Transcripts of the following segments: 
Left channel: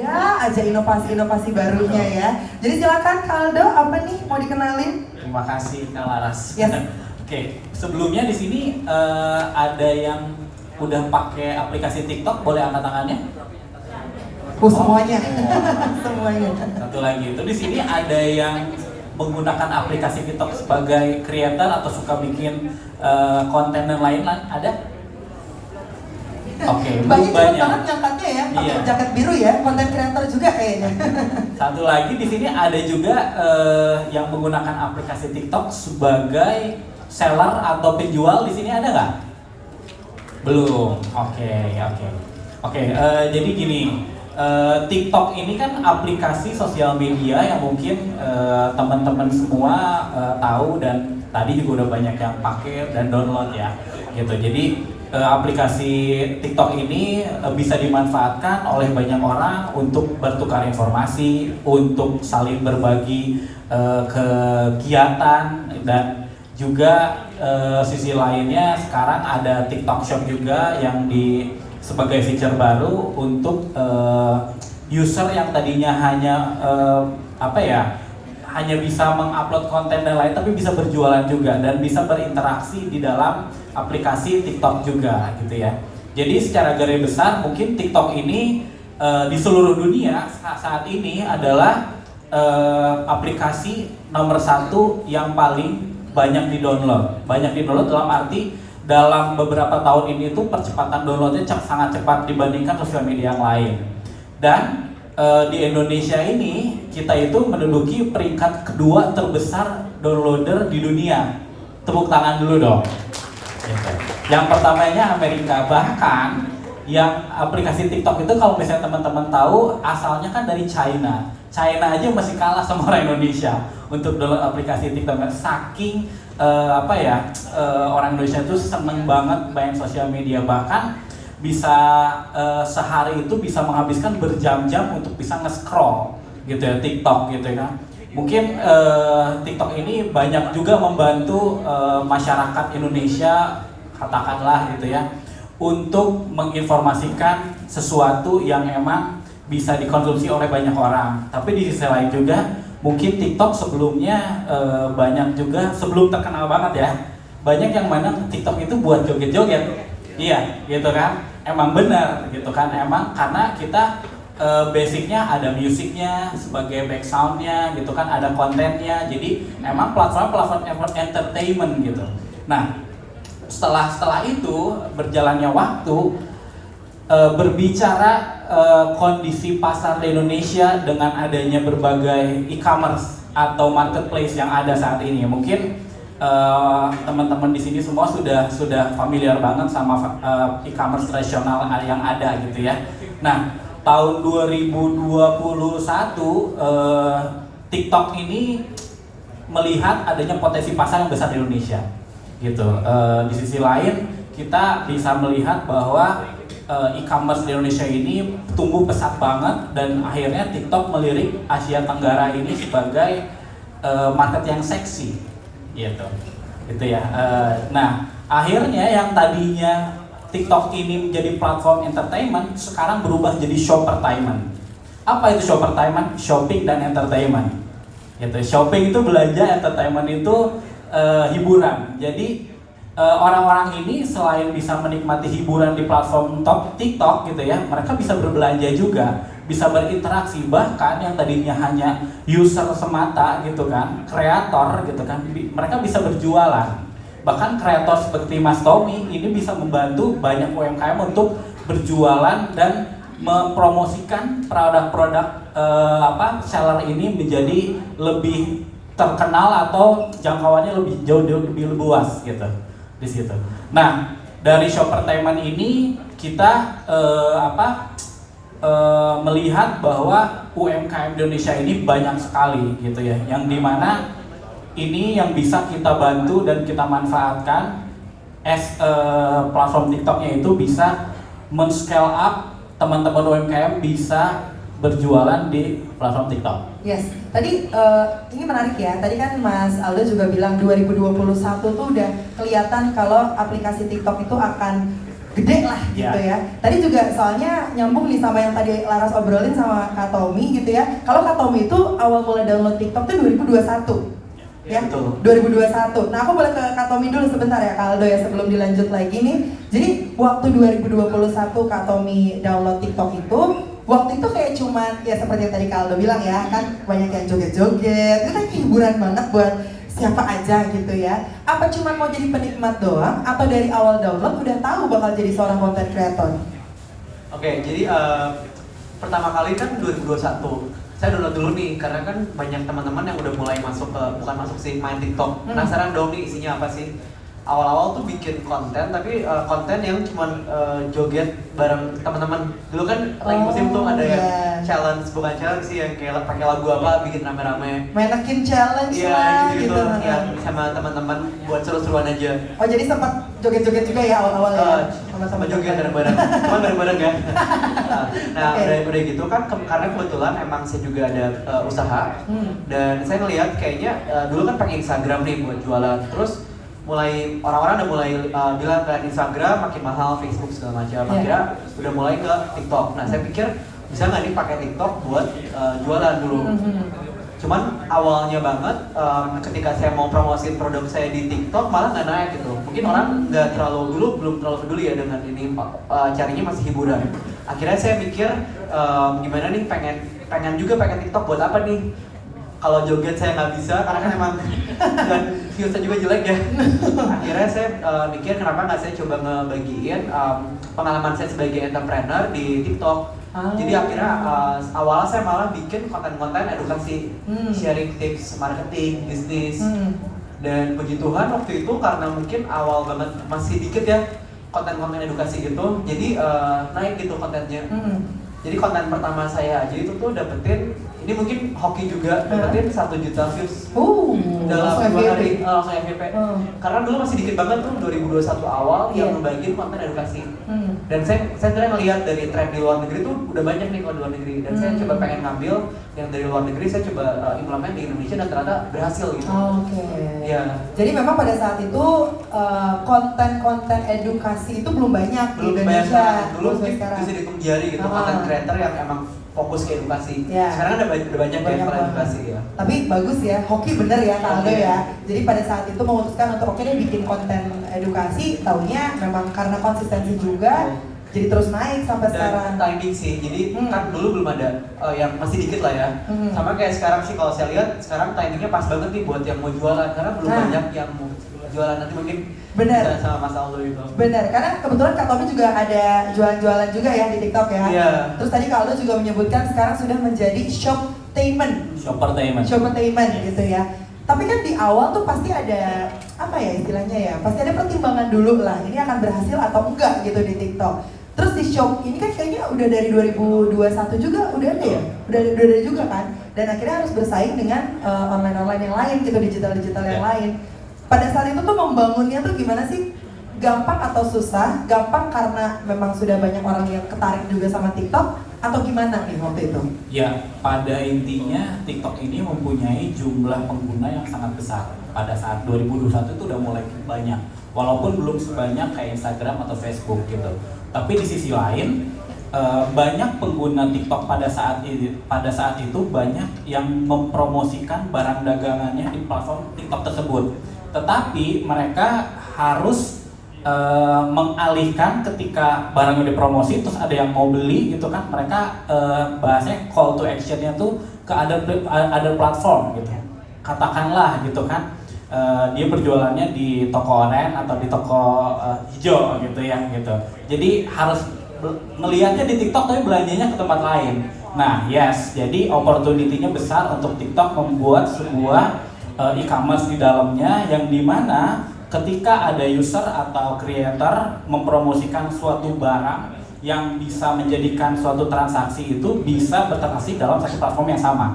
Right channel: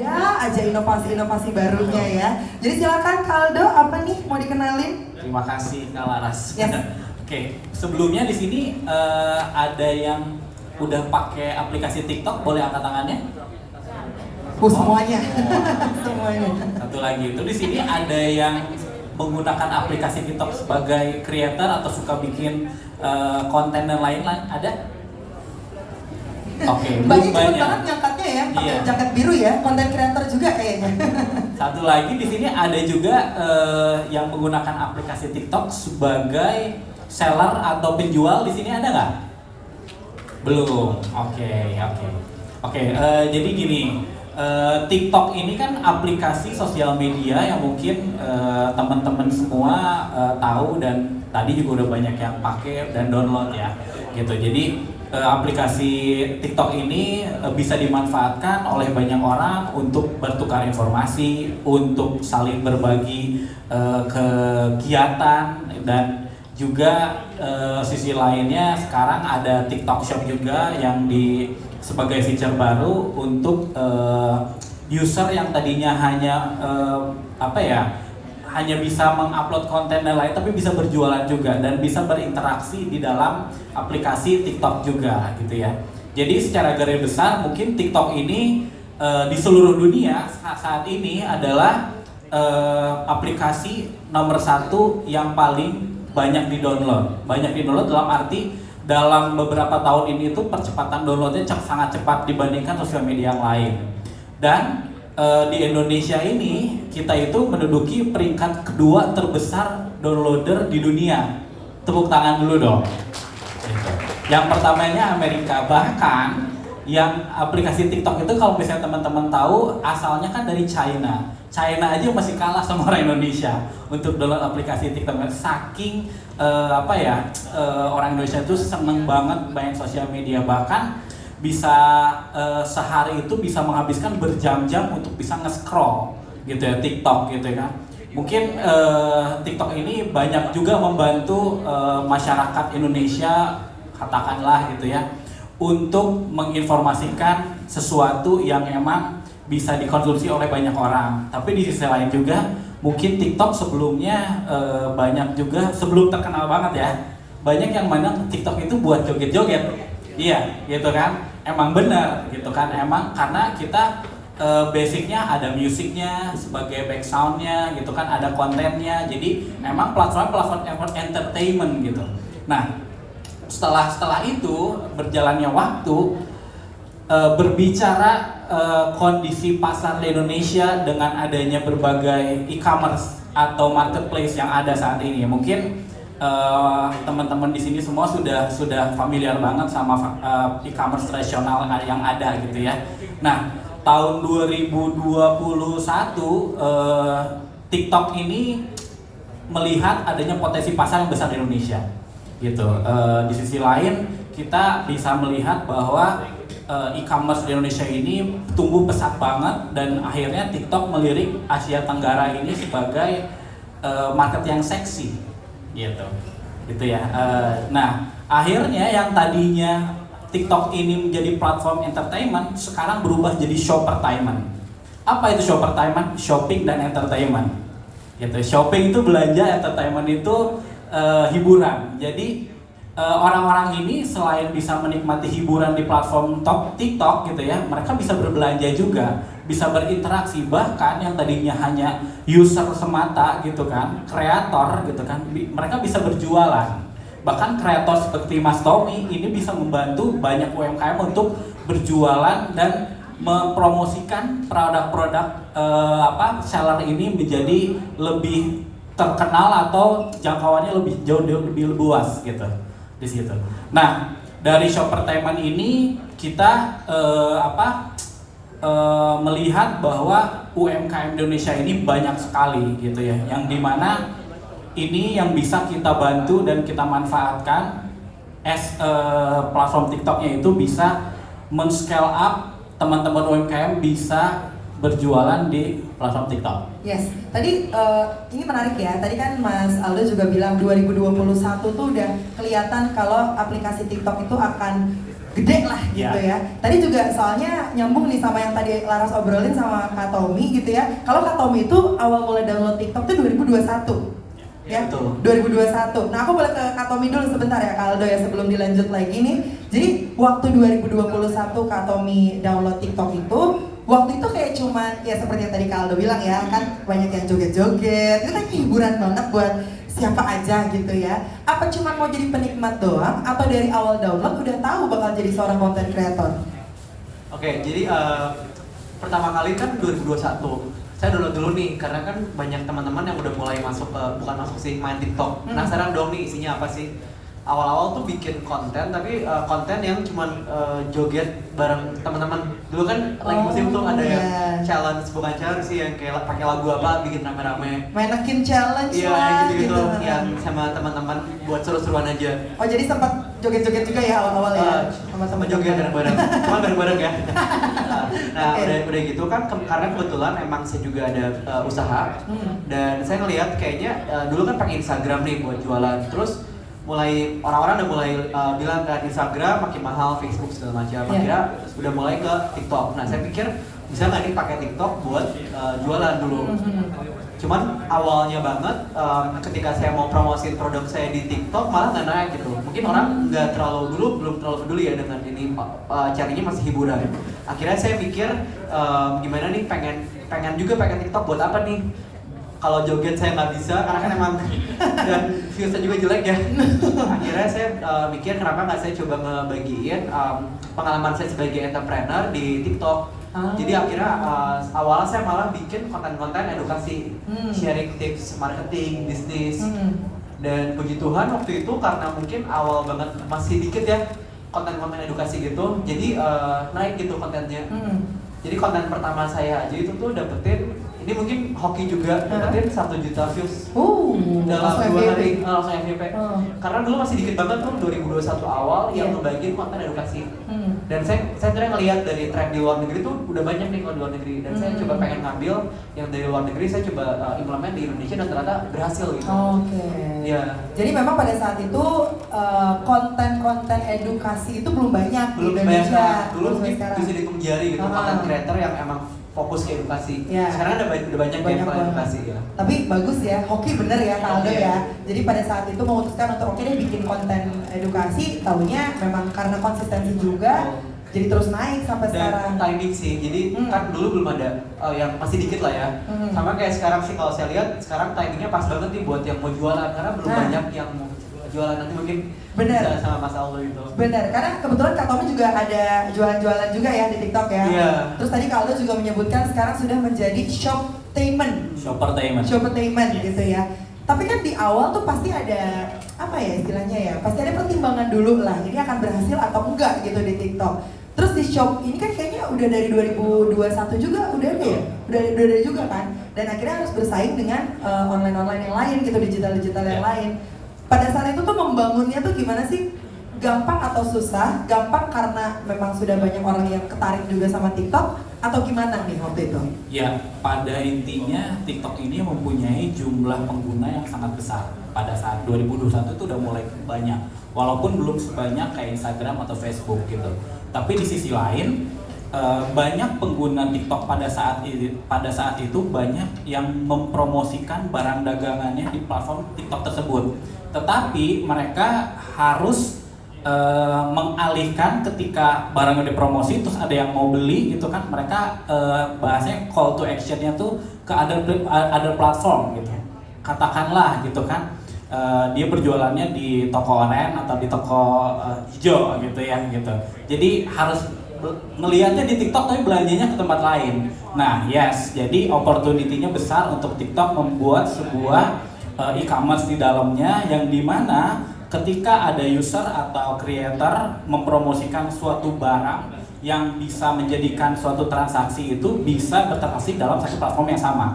Ada aja inovasi-inovasi barunya ya. Jadi silakan Kaldo, apa nih mau dikenalin? Terima kasih Kak Laras. Yes. Oke, sebelumnya di sini ada yang udah pakai aplikasi TikTok, boleh angkat tangannya? Semuanya. Semuanya. Satu lagi itu di sini ada yang menggunakan aplikasi TikTok sebagai creator atau suka bikin konten dan lain-lain, ada? Oke, Banyak banyak. banget ngangkatnya ya, pakai Iya. jaket biru ya, konten kreator juga kayaknya. Satu lagi di sini ada juga yang menggunakan aplikasi TikTok sebagai seller atau penjual. Di sini ada nggak? Belum. Oke. Jadi gini, TikTok ini kan aplikasi sosial media yang mungkin teman-teman semua tahu dan tadi juga udah banyak yang pakai dan download ya, gitu. Jadi aplikasi TikTok ini bisa dimanfaatkan oleh banyak orang untuk bertukar informasi, untuk saling berbagi kegiatan, dan juga sisi lainnya sekarang ada TikTok Shop juga yang sebagai feature baru untuk user yang tadinya hanya hanya bisa mengupload konten dan lain, tapi bisa berjualan juga dan bisa berinteraksi di dalam aplikasi TikTok juga, gitu ya. Jadi secara garis besar mungkin TikTok ini di seluruh dunia saat ini adalah aplikasi nomor 1 yang paling banyak di-download. Banyak di-download dalam arti dalam beberapa tahun ini tuh percepatan downloadnya sangat cepat dibandingkan sosial media yang lain. Dan di Indonesia ini kita itu menduduki peringkat kedua terbesar downloader di dunia. Tepuk tangan dulu dong. Yang pertamanya Amerika, bahkan yang aplikasi TikTok itu kalau misalnya teman-teman tahu asalnya kan dari China. China aja masih kalah sama orang Indonesia untuk download aplikasi TikTok. Saking orang Indonesia itu seneng banget main sosial media, bahkan bisa sehari itu bisa menghabiskan berjam-jam untuk bisa nge-scroll gitu ya TikTok gitu ya. Mungkin TikTok ini banyak juga membantu masyarakat Indonesia, katakanlah gitu ya, untuk menginformasikan sesuatu yang emang bisa dikonsumsi oleh banyak orang. Tapi di sisi lain juga mungkin TikTok sebelumnya banyak juga sebelum terkenal banget ya, banyak yang mandang TikTok itu buat joget-joget. Iya, gitu kan? Emang benar, gitu kan? Emang karena kita basicnya ada musiknya sebagai backgroundnya, gitu kan? Ada kontennya. Jadi memang platform entertainment gitu. Nah, setelah itu berjalannya waktu, berbicara kondisi pasar di Indonesia dengan adanya berbagai e-commerce atau marketplace yang ada saat ini, mungkin teman-teman di sini semua sudah familiar banget sama e-commerce tradisional yang ada gitu ya. Nah, tahun 2021 TikTok ini melihat adanya potensi pasar yang besar di Indonesia, gitu. Di sisi lain kita bisa melihat bahwa e-commerce di Indonesia ini tumbuh pesat banget dan akhirnya TikTok melirik Asia Tenggara ini sebagai market yang seksi. Gitu ya. Nah, akhirnya yang tadinya TikTok ini menjadi platform entertainment sekarang berubah jadi shoppertainment. Apa itu shoppertainment? Shopping dan entertainment. Gitu. Shopping itu belanja, entertainment itu hiburan. Jadi orang-orang ini selain bisa menikmati hiburan di platform TikTok gitu ya, mereka bisa berbelanja juga, bisa berinteraksi, bahkan yang tadinya hanya user semata gitu kan, kreator gitu kan, mereka bisa berjualan. Bahkan kreator seperti Mas Tommy ini bisa membantu banyak UMKM untuk berjualan dan mempromosikan produk-produk seller ini menjadi lebih terkenal atau jangkauannya lebih luas gitu di situ. Nah, dari shoppertainment ini kita melihat bahwa UMKM Indonesia ini banyak sekali gitu ya, yang dimana ini yang bisa kita bantu dan kita manfaatkan platform TikToknya itu bisa men-scale up teman-teman UMKM bisa berjualan di platform TikTok. Yes, tadi ini menarik ya. Tadi kan Mas Aldo juga bilang 2021 tuh udah kelihatan kalau aplikasi TikTok itu akan gede lah gitu ya. Tadi juga soalnya nyambung nih sama yang tadi Laras obrolin sama Kak Tommy gitu ya. Kalau Kak Tommy itu awal mulai download TikTok tuh 2021. Ya, betul. 2021. Nah, aku boleh ke Kak Tommy dulu sebentar ya, Kak Aldo ya, sebelum dilanjut lagi nih. Jadi waktu 2021 Kak Tommy download TikTok itu, waktu itu kayak cuman ya seperti yang tadi Kak Aldo bilang ya, kan banyak yang joget-joget. Itu kan hiburan banget buat siapa aja gitu ya. Apa cuman mau jadi penikmat doang atau dari awal download udah tahu bakal jadi seorang content creator? Oke, jadi pertama kali kan 2021 saya download dulu nih, karena kan banyak teman-teman yang udah mulai masuk ke, bukan masuk sih, main TikTok. Penasaran dong nih isinya apa sih. Awal-awal tuh bikin konten, tapi konten yang cuman joget bareng teman-teman. Dulu kan lagi musim tuh ada yang challenge, bukan challenge sih, yang kayak pakai lagu apa, bikin rame-rame. Mainakin challenge Iya, lah gitu. Yang sama teman-teman buat seru-seruan aja. Oh, jadi sempat joget-joget juga ya awal-awal ya? Sama joget bareng-bareng, cuma bareng-bareng ya. Nah, udah gitu kan, karena kebetulan emang saya juga ada usaha, dan saya ngeliat kayaknya dulu kan pakai Instagram nih buat jualan, terus mulai orang-orang udah mulai bilang ke Instagram makin mahal, Facebook segala macam. Akhirnya udah mulai ke TikTok. Nah, saya pikir bisa nggak nih pakai TikTok buat jualan dulu. Cuman awalnya banget ketika saya mau promosiin produk saya di TikTok malah nggak naik gitu. Mungkin orang nggak terlalu dulu belum terlalu peduli ya dengan ini, carinya masih hiburan. Akhirnya saya mikir gimana nih, pengen TikTok buat apa nih? Kalau joget saya nggak bisa karena kan emang dan viewsnya juga jelek ya. Akhirnya saya mikir kenapa nggak saya coba ngebagiin pengalaman saya sebagai entrepreneur di TikTok. Jadi akhirnya awalnya saya malah bikin konten-konten edukasi, sharing tips marketing, bisnis. Dan puji Tuhan waktu itu karena mungkin awal banget masih dikit ya konten-konten edukasi gitu, jadi naik gitu kontennya. Jadi konten pertama saya aja itu tuh dapetin, ini mungkin hoki juga, dapetin 1 juta views dalam 2 hari, langsung FYP. Karena dulu masih dikit banget tuh 2021 awal yang ngebagiin konten edukasi. Dan saya sebenarnya ngelihat dari tren di luar negeri tuh udah banyak nih kalau di luar negeri, dan saya coba pengen ngambil yang dari luar negeri, saya coba implement di Indonesia dan ternyata berhasil gitu. Ya. Jadi memang pada saat itu konten-konten edukasi itu belum banyak di Indonesia. Dulu mungkin bisa dihitung jari gitu, konten creator yang emang fokus ke edukasi. Sekarang kan udah banyak yang edukasi ya. Tapi bagus ya, hoki bener ya Kak Aldo ya. Jadi pada saat itu memutuskan untuk oke deh bikin konten edukasi, taunya memang karena konsistensi juga, jadi terus naik sampai sekarang. Dan timing sih, jadi kan dulu belum ada yang masih dikit lah ya. Sama kayak sekarang sih kalau saya lihat sekarang timingnya pas banget nih buat yang mau jualan, karena belum banyak yang mau jualan. Nanti mungkin bisa sama Mas Aldo itu. Benar, karena kebetulan Kak Tommy juga ada jualan-jualan juga ya di TikTok ya. Terus tadi Kak Aldo juga menyebutkan sekarang sudah menjadi shoppertainment gitu ya. Tapi kan di awal tuh pasti ada apa ya istilahnya ya, pasti ada pertimbangan dulu lah, ini akan berhasil atau enggak gitu di TikTok. Terus di shop ini kan kayaknya udah dari 2021 juga udah ada ya, udah ada juga kan. Dan akhirnya harus bersaing dengan online yang lain gitu, digital yang lain. Pada saat itu tuh membangunnya tuh gimana sih? Gampang atau susah? Gampang karena memang sudah banyak orang yang ketarik juga sama TikTok, atau gimana nih waktu itu? Ya, pada intinya TikTok ini mempunyai jumlah pengguna yang sangat besar. Pada saat 2021 itu udah mulai banyak, walaupun belum sebanyak kayak Instagram atau Facebook gitu. Tapi di sisi lain, banyak pengguna TikTok pada saat itu banyak yang mempromosikan barang dagangannya di platform TikTok tersebut. Tetapi mereka harus mengalihkan ketika barang udah promosi terus ada yang mau beli gitu kan, mereka bahasanya call to actionnya tuh ke ada platform gitu, katakanlah gitu kan, dia berjualannya di toko online atau di toko hijau gitu ya gitu. Jadi harus ngelihatnya di TikTok tapi belanjanya ke tempat lain. Nah jadi opportunity-nya besar untuk TikTok membuat sebuah e-commerce di dalamnya, yang dimana ketika ada user atau creator mempromosikan suatu barang yang bisa menjadikan suatu transaksi itu bisa bertransaksi dalam satu platform yang sama.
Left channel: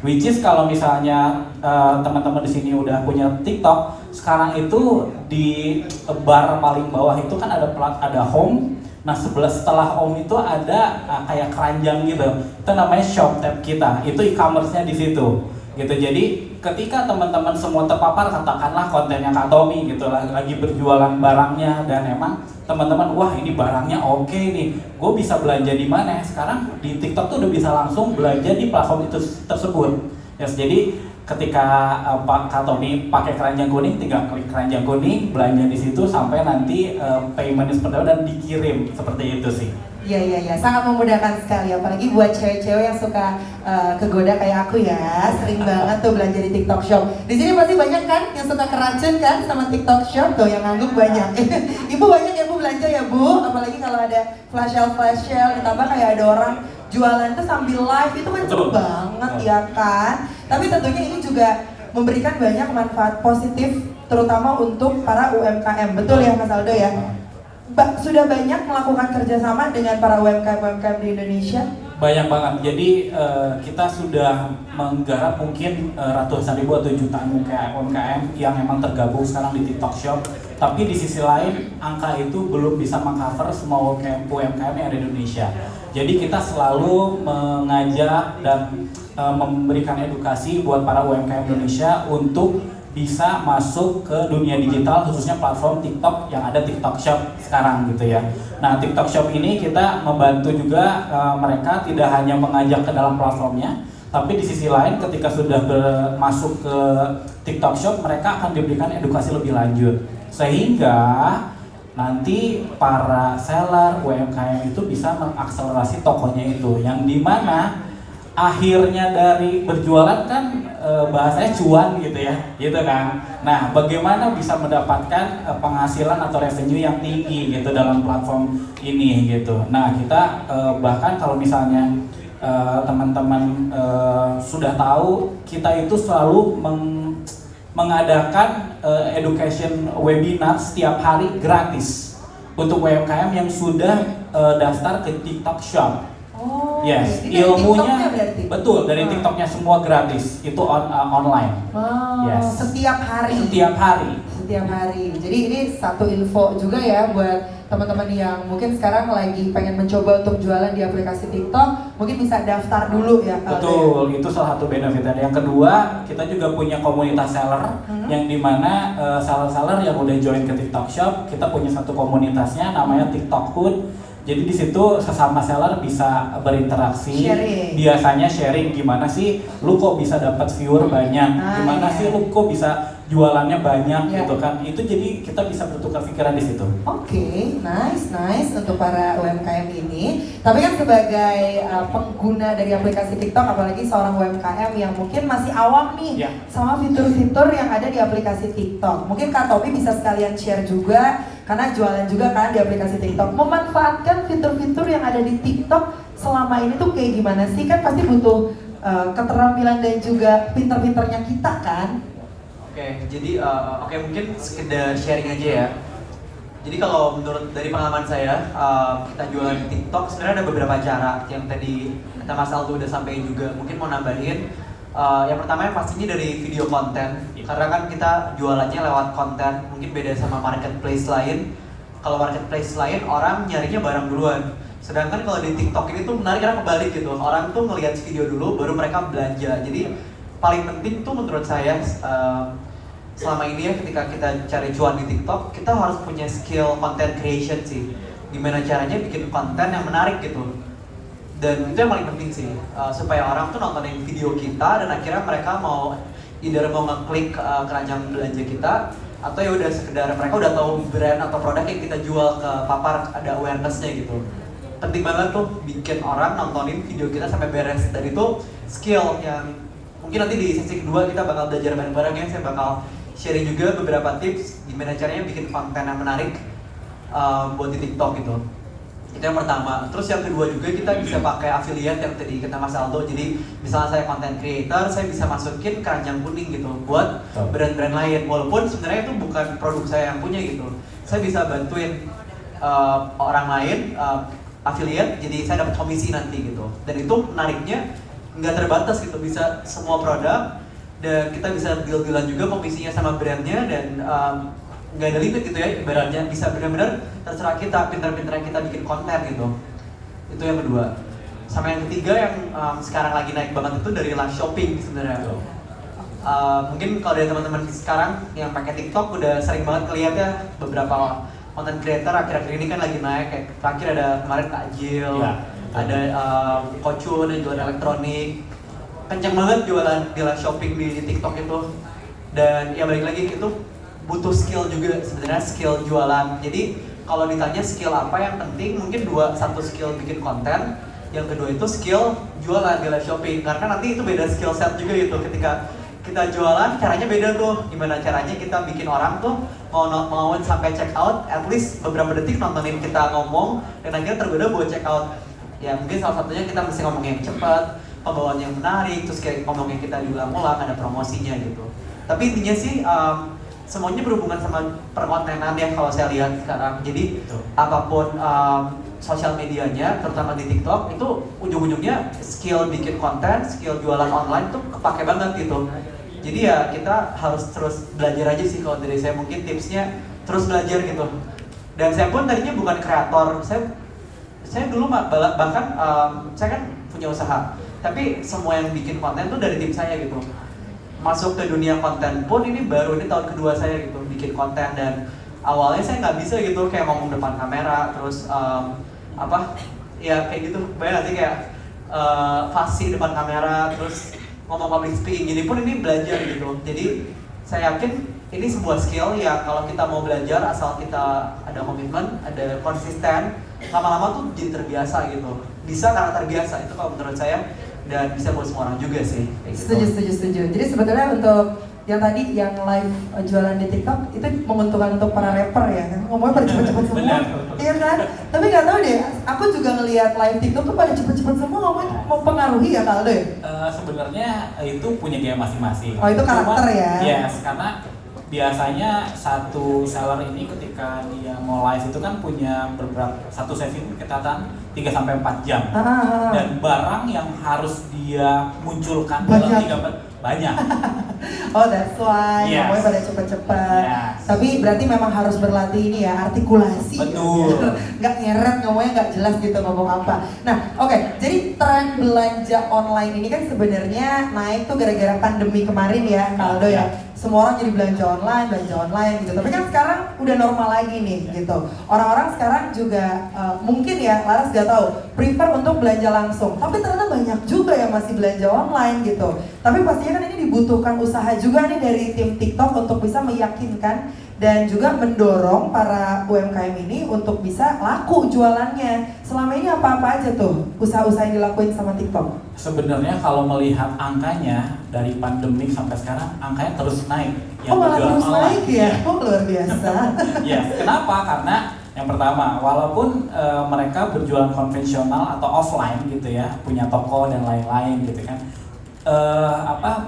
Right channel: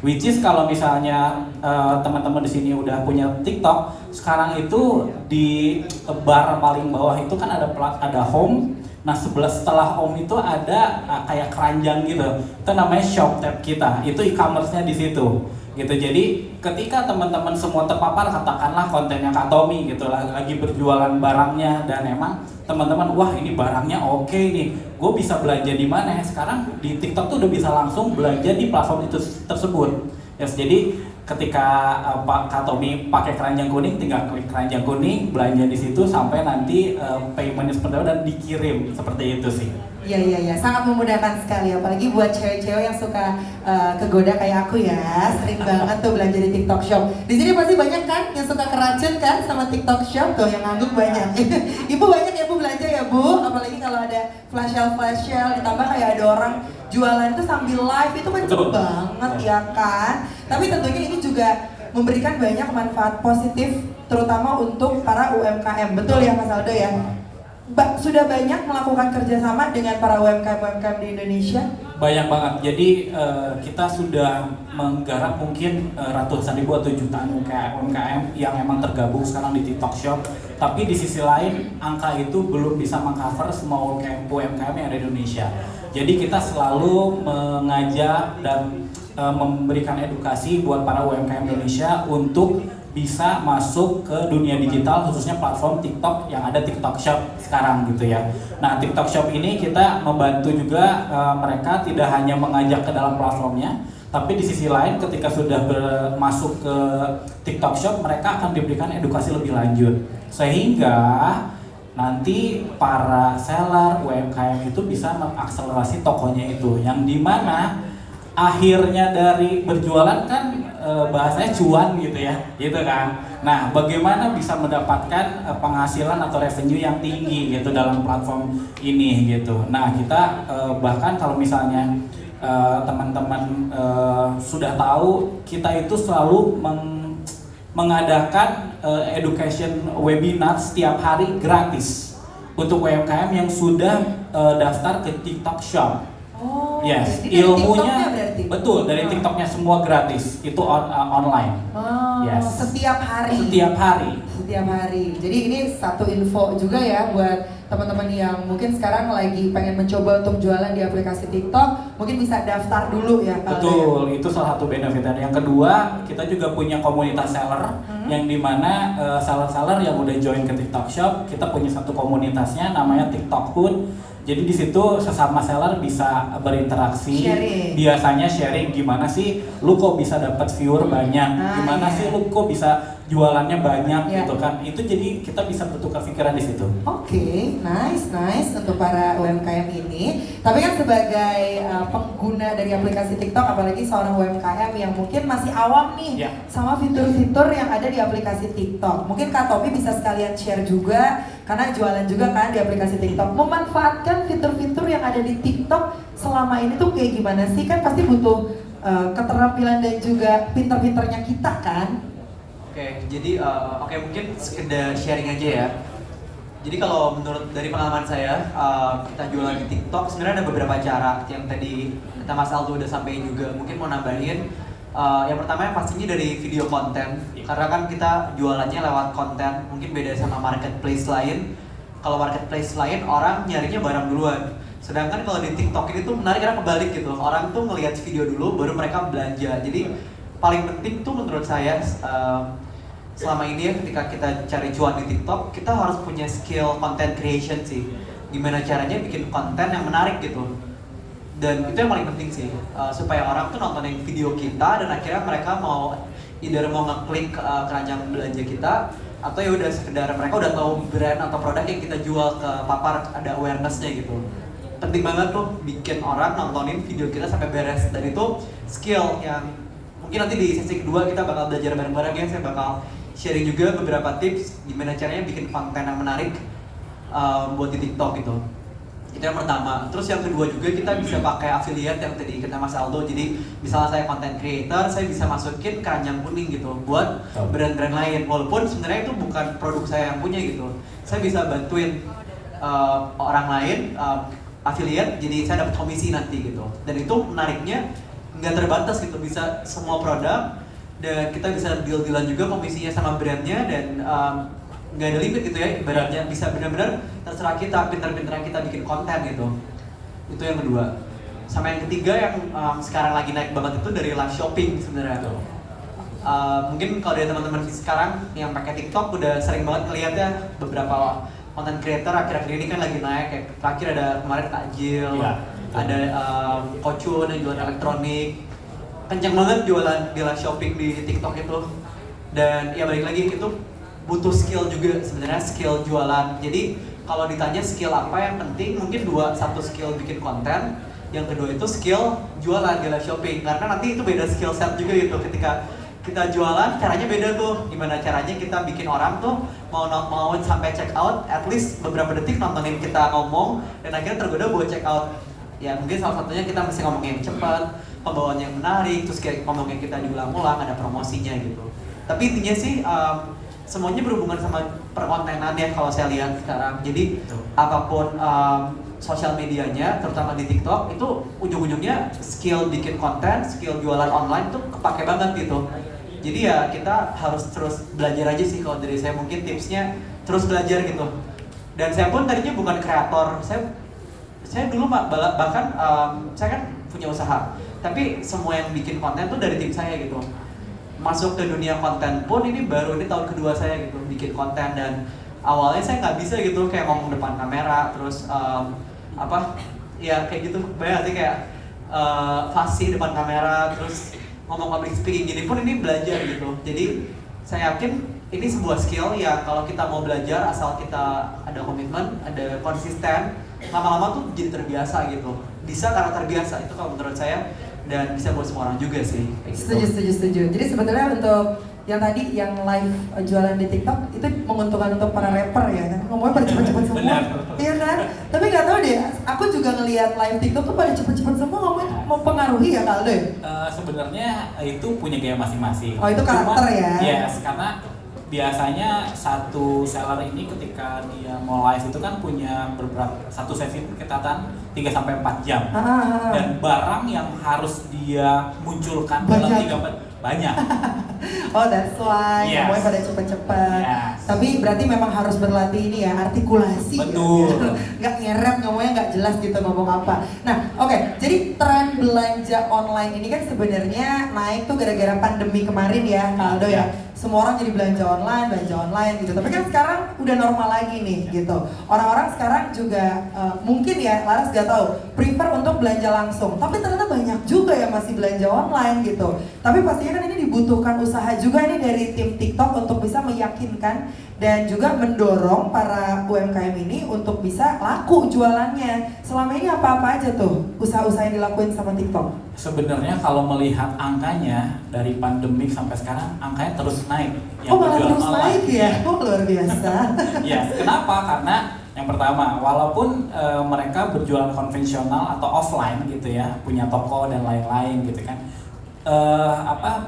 Which is kalau misalnya teman-teman di sini udah punya TikTok, sekarang itu di bar paling bawah itu kan ada home. Nah setelah home itu ada kayak keranjang gitu. Itu namanya shop tab kita. Itu e-commerce-nya di situ. gitu. Jadi ketika teman-teman semua terpapar, katakanlah kontennya Kak Tommy gitu, lagi berjualan barangnya dan emang teman-teman, wah ini barangnya oke nih, gue bisa belanja di mana ya? Sekarang di TikTok tuh udah bisa langsung belanja di platform itu tersebut. Yes, jadi ketika Kak Tommy pakai keranjang kuning, tinggal klik keranjang kuning, belanja di situ sampai nanti payment seperti itu dan dikirim, seperti itu sih. Iya, sangat memudahkan sekali, apalagi buat cewek-cewek yang suka kegoda kayak aku ya, sering banget tuh belanja di TikTok Shop. Di sini pasti banyak kan yang suka keracun kan sama TikTok Shop, tuh yang ngangguk banyak. Ibu banyak ya Bu belanja ya Bu, apalagi kalau ada flash sale, ditambah kayak ada orang jualan itu sambil live, itu kan cepet banget ya kan. Tapi tentunya ini juga memberikan banyak manfaat positif, terutama untuk para UMKM, betul ya Mas Aldo ya? Sudah banyak melakukan kerjasama dengan para UMKM di Indonesia? Banyak banget. Jadi kita sudah menggarap mungkin ratusan ribu atau jutaan UMKM yang memang tergabung sekarang di TikTok Shop. Tapi di sisi lain angka itu belum bisa mengcover semua UMKM yang ada di Indonesia. Jadi kita selalu mengajak dan memberikan edukasi buat para UMKM Indonesia untuk bisa masuk ke dunia digital, khususnya platform TikTok yang ada TikTok Shop sekarang gitu ya. Nah, TikTok Shop ini kita membantu juga mereka tidak hanya mengajak ke dalam platformnya, tapi di sisi lain ketika sudah masuk ke TikTok Shop, mereka akan diberikan edukasi lebih lanjut sehingga nanti para seller UMKM itu bisa mengakselerasi tokonya itu, yang dimana akhirnya dari berjualan kan bahasanya cuan gitu ya, gitu kan. Nah, bagaimana bisa mendapatkan penghasilan atau revenue yang tinggi gitu dalam platform ini gitu. Nah, kita bahkan kalau misalnya teman-teman sudah tahu, kita itu selalu mengadakan education webinar setiap hari gratis untuk UMKM yang sudah daftar ke TikTok Shop. Oh, yes, ilmunya betul dari TikToknya semua gratis, itu online. Wow, yes. Setiap hari. Setiap hari. Jadi ini satu info juga ya buat teman-teman yang mungkin sekarang lagi pengen mencoba untuk jualan di aplikasi TikTok, mungkin bisa daftar dulu ya. Betul, itu salah satu benefit. Dan yang kedua, kita juga punya komunitas seller yang dimana seller-seller yang udah join ke TikTok Shop, kita punya satu komunitasnya namanya TikTok Hood. Jadi di situ sesama seller bisa berinteraksi, biasanya sharing gimana sih lu kok bisa dapat viewer banyak, gimana sih lu kok bisa jualannya banyak gitu kan. Itu jadi kita bisa bertukar pikiran di situ. Oke, nice untuk para UMKM ini. Tapi kan sebagai pengguna dari aplikasi TikTok, apalagi seorang UMKM yang mungkin masih awam nih sama fitur-fitur yang ada di aplikasi TikTok. Mungkin Kak Tommy bisa sekalian share juga, karena jualan juga kan di aplikasi TikTok. Memanfaatkan fitur-fitur yang ada di TikTok selama ini tuh kayak gimana sih? Kan pasti butuh keterampilan dan juga pinter-pinternya kita kan? Oke, jadi mungkin sekedar sharing aja ya. Jadi kalau menurut dari pengalaman saya, kita jualan di TikTok sebenarnya ada beberapa cara yang tadi kita Mas Aldo udah sampaikan juga. Mungkin mau nambahin, yang pertama yang pastinya dari video konten, karena kan kita jualannya lewat konten, mungkin beda sama marketplace lain. Kalau marketplace lain orang nyarinya barang duluan. Sedangkan kalau di TikTok ini tuh menarik karena kebalik gitu. Orang tuh ngelihat video dulu baru mereka belanja. Jadi paling penting tuh menurut saya selama ini ya ketika kita cari cuan di TikTok, kita harus punya skill content creation sih. Gimana caranya bikin konten yang menarik gitu. Dan itu yang paling penting sih, supaya orang tuh nontonin video kita dan akhirnya mereka mau either mau ngeklik keranjang belanja kita, atau ya udah sekedar mereka udah tahu brand atau produk yang kita jual ke papar, ada awareness-nya gitu. Penting banget tuh bikin orang nontonin video kita sampai beres, dan itu skill yang mungkin nanti di sesi kedua kita bakal belajar bareng-bareng ya. Saya bakal sharing juga beberapa tips gimana caranya bikin konten yang menarik buat di TikTok gitu. Itu yang pertama. Terus yang kedua juga kita bisa pakai affiliate yang tadi kata Mas Aldo. Jadi misalnya saya content creator, saya bisa masukin keranjang kuning gitu buat brand-brand lain. Walaupun sebenarnya itu bukan produk saya yang punya gitu. Saya bisa bantuin orang lain affiliate, jadi saya dapat komisi nanti gitu. Dan itu menariknya nggak terbatas gitu, bisa semua produk. Dan kita bisa deal-dealan juga komisinya sama brandnya, dan nggak ada limit gitu ya, ibaratnya bisa benar-benar terserah kita, pinter-pinternya kita bikin konten gitu. Itu yang kedua. Sama yang ketiga yang sekarang lagi naik banget itu dari live shopping sebenarnya. mungkin kalau dari teman-teman sekarang yang pakai TikTok udah sering banget kelihatan ya beberapa content creator akhir-akhir ini kan lagi naik, kayak terakhir ada kemarin Kak Jill, Ya, ada Fortune yang jualan elektronik, kenceng banget jualan shopping di TikTok itu. Dan ya balik lagi itu butuh skill juga sebenarnya, skill jualan. Jadi kalau ditanya skill apa yang penting, mungkin satu skill bikin konten, yang kedua itu skill jualan di live shopping, karena nanti itu beda skill set juga gitu. Ketika kita jualan caranya beda tuh, gimana caranya kita bikin orang tuh mau sampai check out, at least beberapa detik nontonin kita ngomong dan akhirnya tergoda buat check out. Ya mungkin salah satunya kita mesti ngomongin cepat, pembawaan yang menarik, terus kayak ngomongin kita diulang-ulang, ada promosinya gitu. Tapi intinya sih semuanya berhubungan sama perkontenan ya kalau saya lihat sekarang. Jadi apapun sosial medianya, terutama di TikTok, itu ujung-ujungnya skill bikin konten, skill jualan online tuh kepake banget gitu. Jadi ya kita harus terus belajar aja sih kalau dari saya, mungkin tipsnya terus belajar gitu. Dan saya pun tadinya bukan kreator, saya dulu bahkan saya kan punya usaha, tapi semua yang bikin konten tuh dari tim saya gitu. Masuk ke dunia konten pun ini tahun kedua saya gitu bikin konten, dan awalnya saya nggak bisa gitu kayak ngomong depan kamera, terus ya kayak gitu banyak sih kayak fasih depan kamera, terus ngomong public speaking gini pun ini belajar gitu. Jadi saya yakin ini sebuah skill yang kalau kita mau belajar asal kita ada komitmen, ada konsisten, lama-lama tuh jadi terbiasa gitu. Bisa karena terbiasa, itu kalau menurut saya, dan bisa buat semua orang juga sih. Setuju. Jadi sebetulnya untuk yang tadi yang live jualan di TikTok itu menguntungkan untuk para rapper ya, ngomongnya pada cepet-cepet semua, iya kan? Tapi nggak tahu deh, aku juga ngelihat live TikTok tuh pada cepet-cepet semua, ngomongnya mau pengaruhi ya Kaldo ya? Sebenarnya itu punya gaya masing-masing. Oh itu karakter ya? Yes, karena biasanya satu seller ini ketika dia mau live itu kan punya satu sesi itu ketatan 3-4 jam. Dan barang yang harus dia munculkan dalam 3-4 banyak. Oh that's why, ngomongnya pada cepet-cepet. Yes. Tapi berarti memang harus berlatih ini ya, artikulasi. Betul. Ya. Nggak nyeret, ngomongnya nggak jelas gitu ngomong apa. Nah oke, jadi tren belanja online ini kan sebenarnya naik tuh gara-gara pandemi kemarin ya Kaldo ya. Semua orang jadi belanja online gitu. Tapi kan sekarang udah normal lagi nih gitu. Orang-orang sekarang juga mungkin ya, Laras gak tahu, prefer untuk belanja langsung. Tapi ternyata banyak juga yang masih belanja online gitu. Tapi pastinya kan ini dibutuhkan usaha juga nih dari tim TikTok untuk bisa meyakinkan dan juga mendorong para UMKM ini untuk bisa laku jualannya. Selama ini apa-apa aja tuh usaha-usaha yang dilakuin sama TikTok? Sebenarnya kalau melihat angkanya dari pandemi sampai sekarang, angkanya terus naik. Malah terus naik ya? Luar biasa. Ya, kenapa? Karena yang pertama, walaupun mereka berjualan konvensional atau offline gitu ya, punya toko dan lain-lain gitu kan,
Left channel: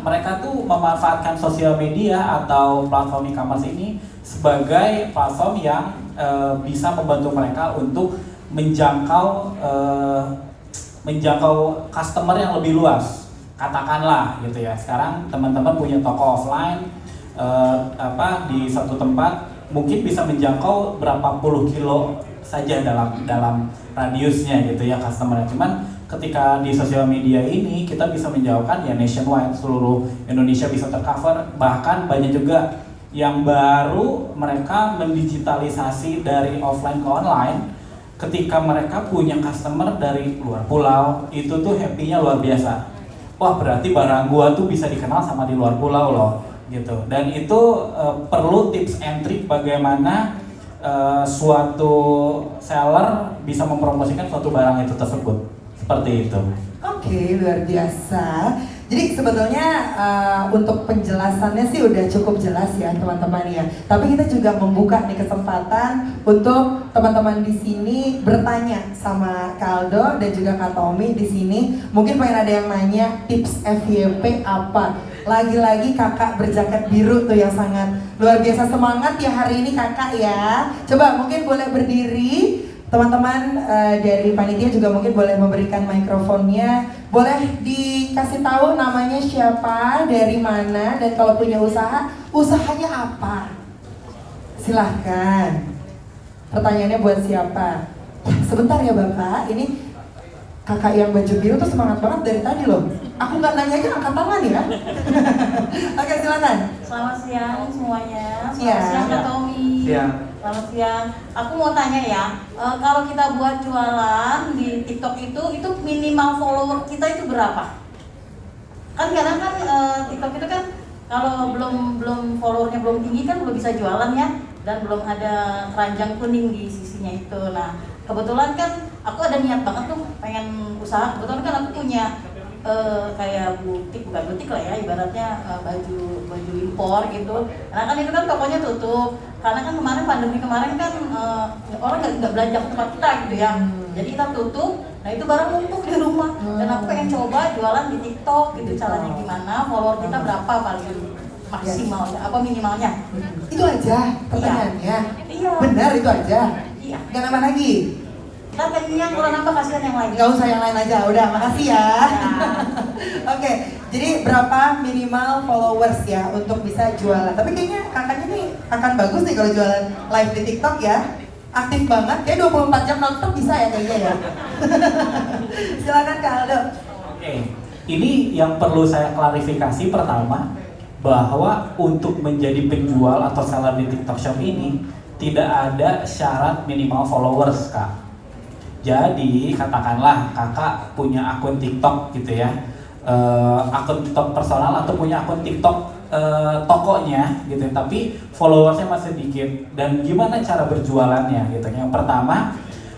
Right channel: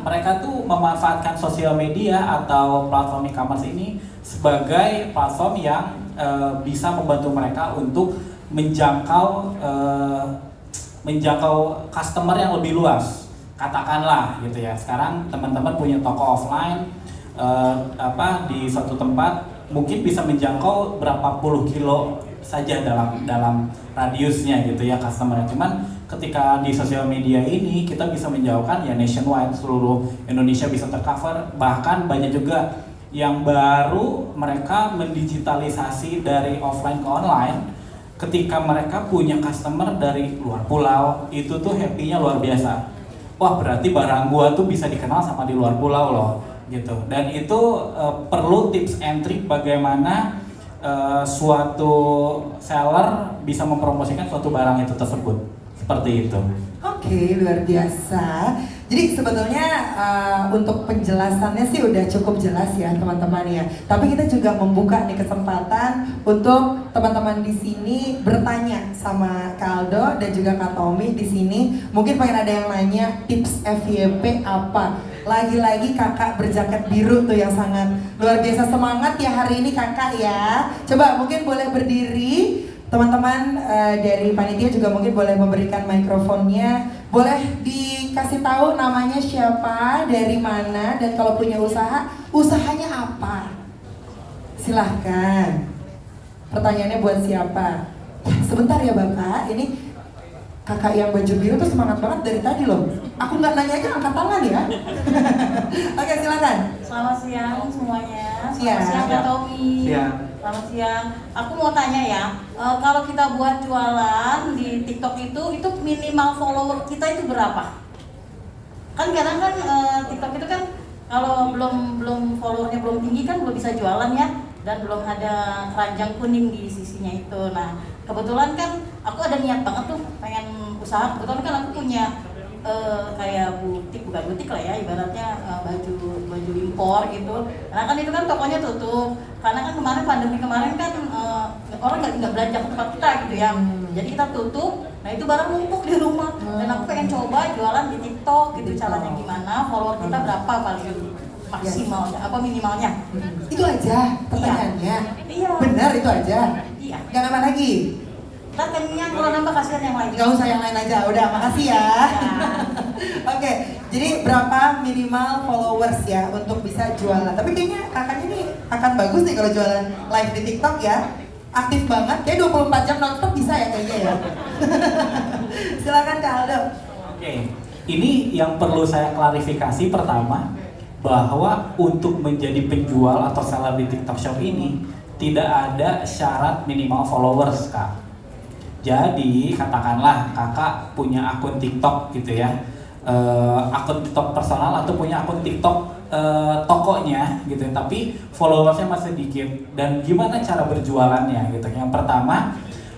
mereka tuh memanfaatkan sosial media atau platform e-commerce ini sebagai platform yang bisa membantu mereka untuk menjangkau customer yang lebih luas. Katakanlah gitu ya, sekarang teman-teman punya toko offline di satu tempat, mungkin bisa menjangkau berapa puluh kilo saja dalam radiusnya gitu ya customer. Cuman ketika di sosial media ini kita bisa menjauhkan ya nationwide, seluruh Indonesia bisa tercover. Bahkan banyak juga yang baru mereka mendigitalisasi dari offline ke online. Ketika mereka punya customer dari luar pulau, itu tuh happy-nya luar biasa. Wah, berarti barang gua tuh bisa dikenal sama di luar pulau loh gitu. Dan itu perlu tips and trick bagaimana suatu seller bisa mempromosikan suatu barang itu tersebut. Seperti itu. Oke, luar biasa. Jadi sebetulnya untuk penjelasannya sih udah cukup jelas ya teman-teman ya. Tapi kita juga membuka nih kesempatan untuk teman-teman di sini bertanya sama Kaldo dan juga Kak Tommy di sini. Mungkin pengen ada yang nanya tips FYP apa? Lagi-lagi kakak berjaket biru tuh yang sangat luar biasa semangat ya hari ini kakak ya. Coba mungkin boleh berdiri. Teman-teman dari panitia juga mungkin boleh memberikan mikrofonnya. Boleh dikasih tahu namanya siapa, dari mana, dan kalau punya usaha, usahanya apa? Silahkan. Pertanyaannya buat siapa? Sebentar ya Bapak, ini kakak yang baju biru tuh semangat banget dari tadi loh. Aku nggak nanya aja angkat tangan ya. Oke, silakan. Selamat siang semuanya. Siang. Selamat siang Kak Tommy. Siang. Selamat siang. Aku mau tanya ya, kalau kita buat jualan di TikTok itu minimal follower kita itu berapa? Kan kadang kan TikTok itu kan kalau belum followernya belum tinggi kan belum bisa jualan ya, dan belum ada keranjang kuning di sisinya itu. Nah kebetulan kan aku ada niat banget tuh pengen usaha. Kebetulan kan aku punya kayak bukan butik lah ya, ibaratnya baju impor gitu. Nah kan itu kan tokonya tutup karena kan kemarin pandemi kemarin kan orang nggak belanja ke tempat kita gitu ya. Jadi kita tutup. Nah itu barang numpuk di rumah. Dan aku pengen coba jualan di TikTok gitu. Caranya gimana? Follower kita berapa paling maksimalnya? Apa minimalnya? Itu aja pertanyaannya. Iya. Benar itu aja. Iya. Gak nambah lagi. Kita pengennya kurang nambah kasihan yang lain. Gak usah yang lain aja. Udah, makasih ya. Oke, jadi berapa minimal followers ya untuk bisa jualan? Tapi kayaknya kakaknya nih akan bagus nih kalau jualan live di TikTok ya. Aktif banget, kayak 24 jam nonstop bisa ya kayaknya ya. Silakan Kak Aldo. Oke, ini yang perlu saya klarifikasi pertama, bahwa untuk menjadi penjual atau seller di TikTok Shop ini tidak ada syarat minimal followers, Kak. Jadi katakanlah kakak punya akun TikTok gitu ya, akun TikTok personal atau punya akun TikTok tokonya gitu, tapi followersnya masih sedikit. Dan gimana cara berjualannya gitu? Yang pertama,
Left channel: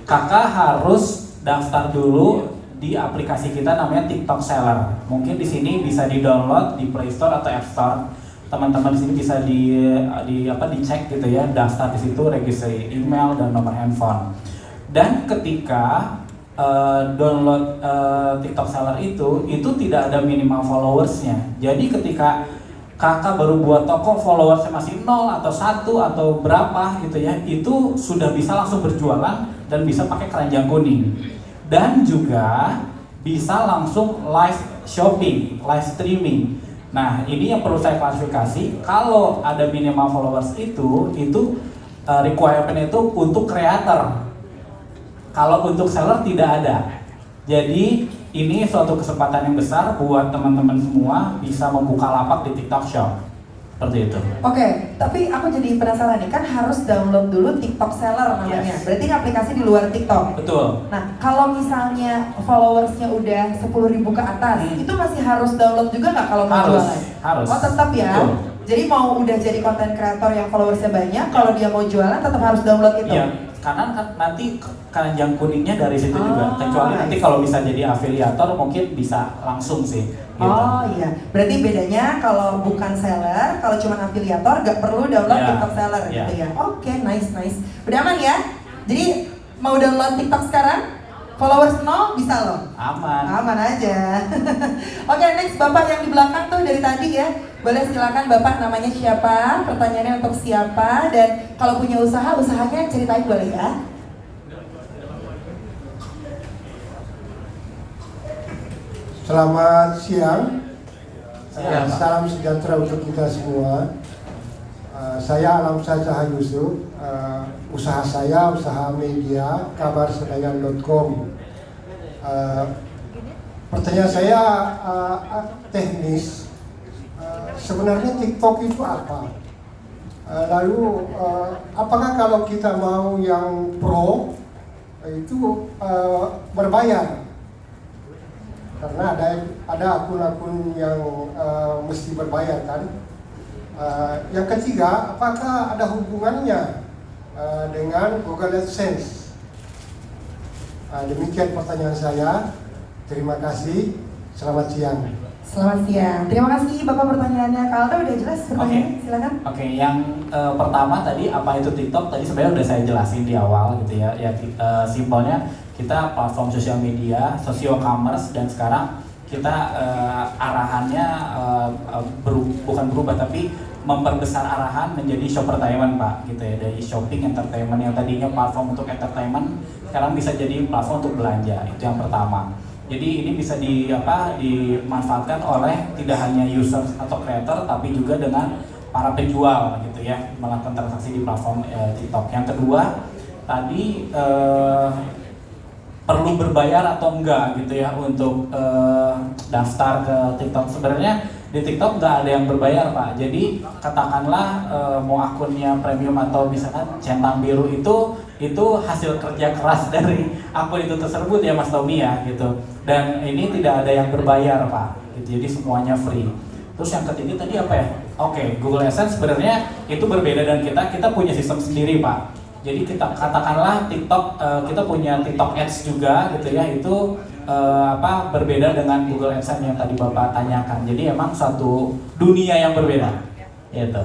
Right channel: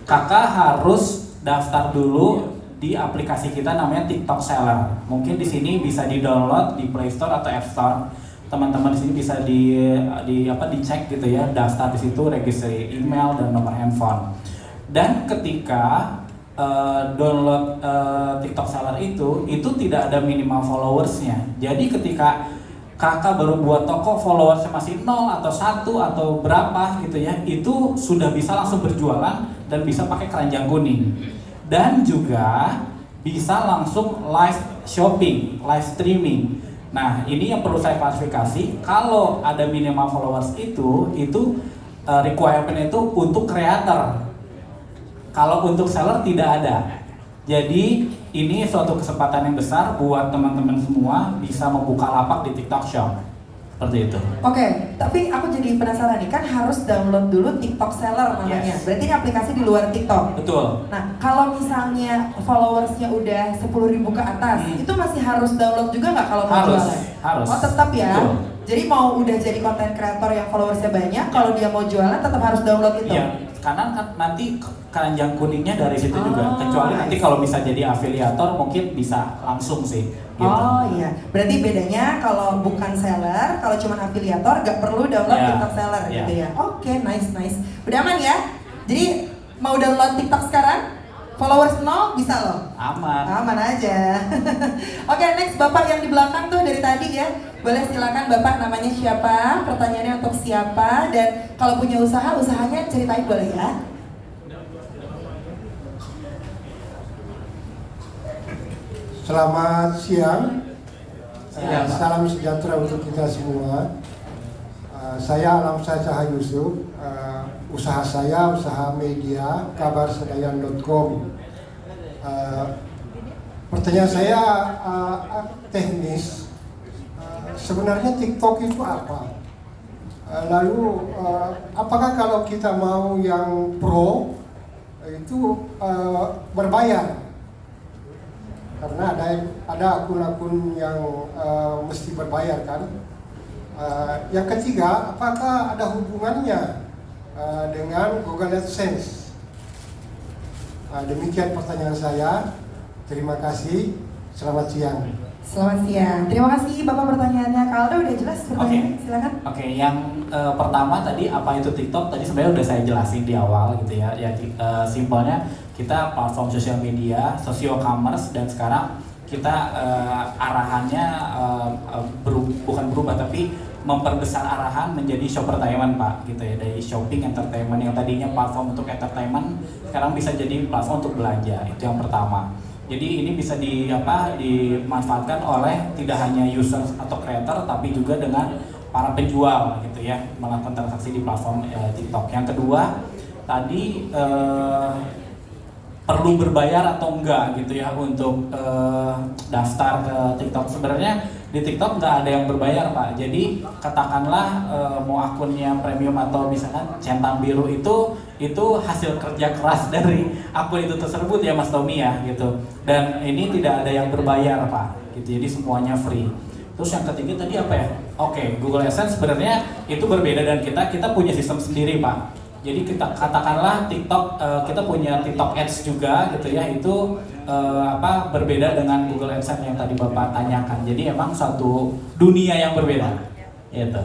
kakak harus daftar dulu di aplikasi kita namanya TikTok Seller. Mungkin di sini bisa di-download di Play Store atau App Store. Teman-teman di sini bisa dicek gitu ya, daftar di situ, registrasi email dan nomor handphone. Dan ketika download TikTok Seller itu tidak ada minimal followersnya. Jadi ketika kakak baru buat toko, followersnya masih 0 atau 1 atau berapa gitu ya, itu sudah bisa langsung berjualan dan bisa pakai keranjang kuning. Dan juga bisa langsung live shopping, live streaming. Nah ini yang perlu saya klarifikasi, kalau ada minimal followers itu requirement itu untuk creator. Kalau untuk seller tidak ada. Jadi ini suatu kesempatan yang besar buat teman-teman semua bisa membuka lapak di TikTok Shop. Seperti itu. Oke, tapi aku jadi penasaran nih, kan harus download dulu TikTok Seller namanya. Yes. Berarti ini aplikasi di luar TikTok. Betul. Nah, kalau misalnya followersnya udah 10.000 ke atas, itu masih harus download juga nggak kalau mau Harus, jualan? harus. Oh tetap ya. Betul. Jadi mau udah jadi konten kreator yang followersnya banyak, kalau dia mau jualan tetap harus download itu. Iya, karena nanti keranjang kuningnya dari situ Oh, juga. Kecuali nanti nice. kalau bisa jadi afiliator mungkin bisa langsung sih. Gitu. Oh iya, berarti bedanya kalau bukan seller, kalau cuma afiliator nggak perlu download Ya, TikTok Seller ya. gitu ya. Oke, nice. Udah aman ya? Jadi mau download TikTok sekarang? Followers 0 bisa loh. Aman. Aman aja. Oke, next Bapak yang di belakang tuh dari tadi ya. Boleh silakan Bapak, namanya siapa? Pertanyaannya untuk siapa? Dan kalau punya usaha, usahanya ceritain boleh ya? Selamat siang. Siang, Pak. Salam sejahtera untuk kita semua. Saya Alamsyah Cahaya Yusuf. Usaha saya usaha media kabarsedayan.com. Pertanyaan saya teknis. Sebenarnya TikTok itu apa? Lalu apakah kalau kita mau yang pro itu berbayar? Karena ada akun-akun yang mesti berbayar kan. Yang ketiga, apakah ada hubungannya dengan Google AdSense? Demikian pertanyaan saya. Terima kasih. Selamat siang. Selamat siang. Terima kasih Bapak pertanyaannya. Kaldo udah jelas pertanyaannya, silakan. Oke, yang pertama tadi apa itu TikTok? Tadi sebenarnya udah saya jelasin di awal gitu ya. Simpelnya kita platform sosial media, sosio-commerce, dan sekarang kita arahannya bukan berubah tapi memperbesar arahan menjadi shoppertainment Pak gitu ya, dari shopping entertainment yang tadinya platform untuk entertainment sekarang bisa jadi platform untuk belanja. Itu yang pertama. Jadi ini bisa dimanfaatkan oleh tidak hanya user atau creator tapi juga dengan para penjual gitu ya, melakukan transaksi di platform TikTok. Yang kedua tadi perlu berbayar atau enggak gitu ya untuk daftar ke TikTok. Sebenarnya di TikTok nggak ada yang berbayar Pak. Jadi katakanlah mau akunnya premium atau misalkan centang biru itu hasil kerja keras dari akun itu tersebut ya Mas Tommy ya gitu. Dan ini tidak ada yang berbayar Pak. Gitu. Jadi semuanya free. Terus yang ketiga tadi apa ya? Oke, Google AdSense sebenarnya itu berbeda dan kita punya sistem sendiri Pak. Jadi kita katakanlah TikTok kita punya TikTok Ads juga gitu ya, itu berbeda dengan Google AdSense yang tadi Bapak tanyakan. Jadi emang suatu dunia yang berbeda. Gitu.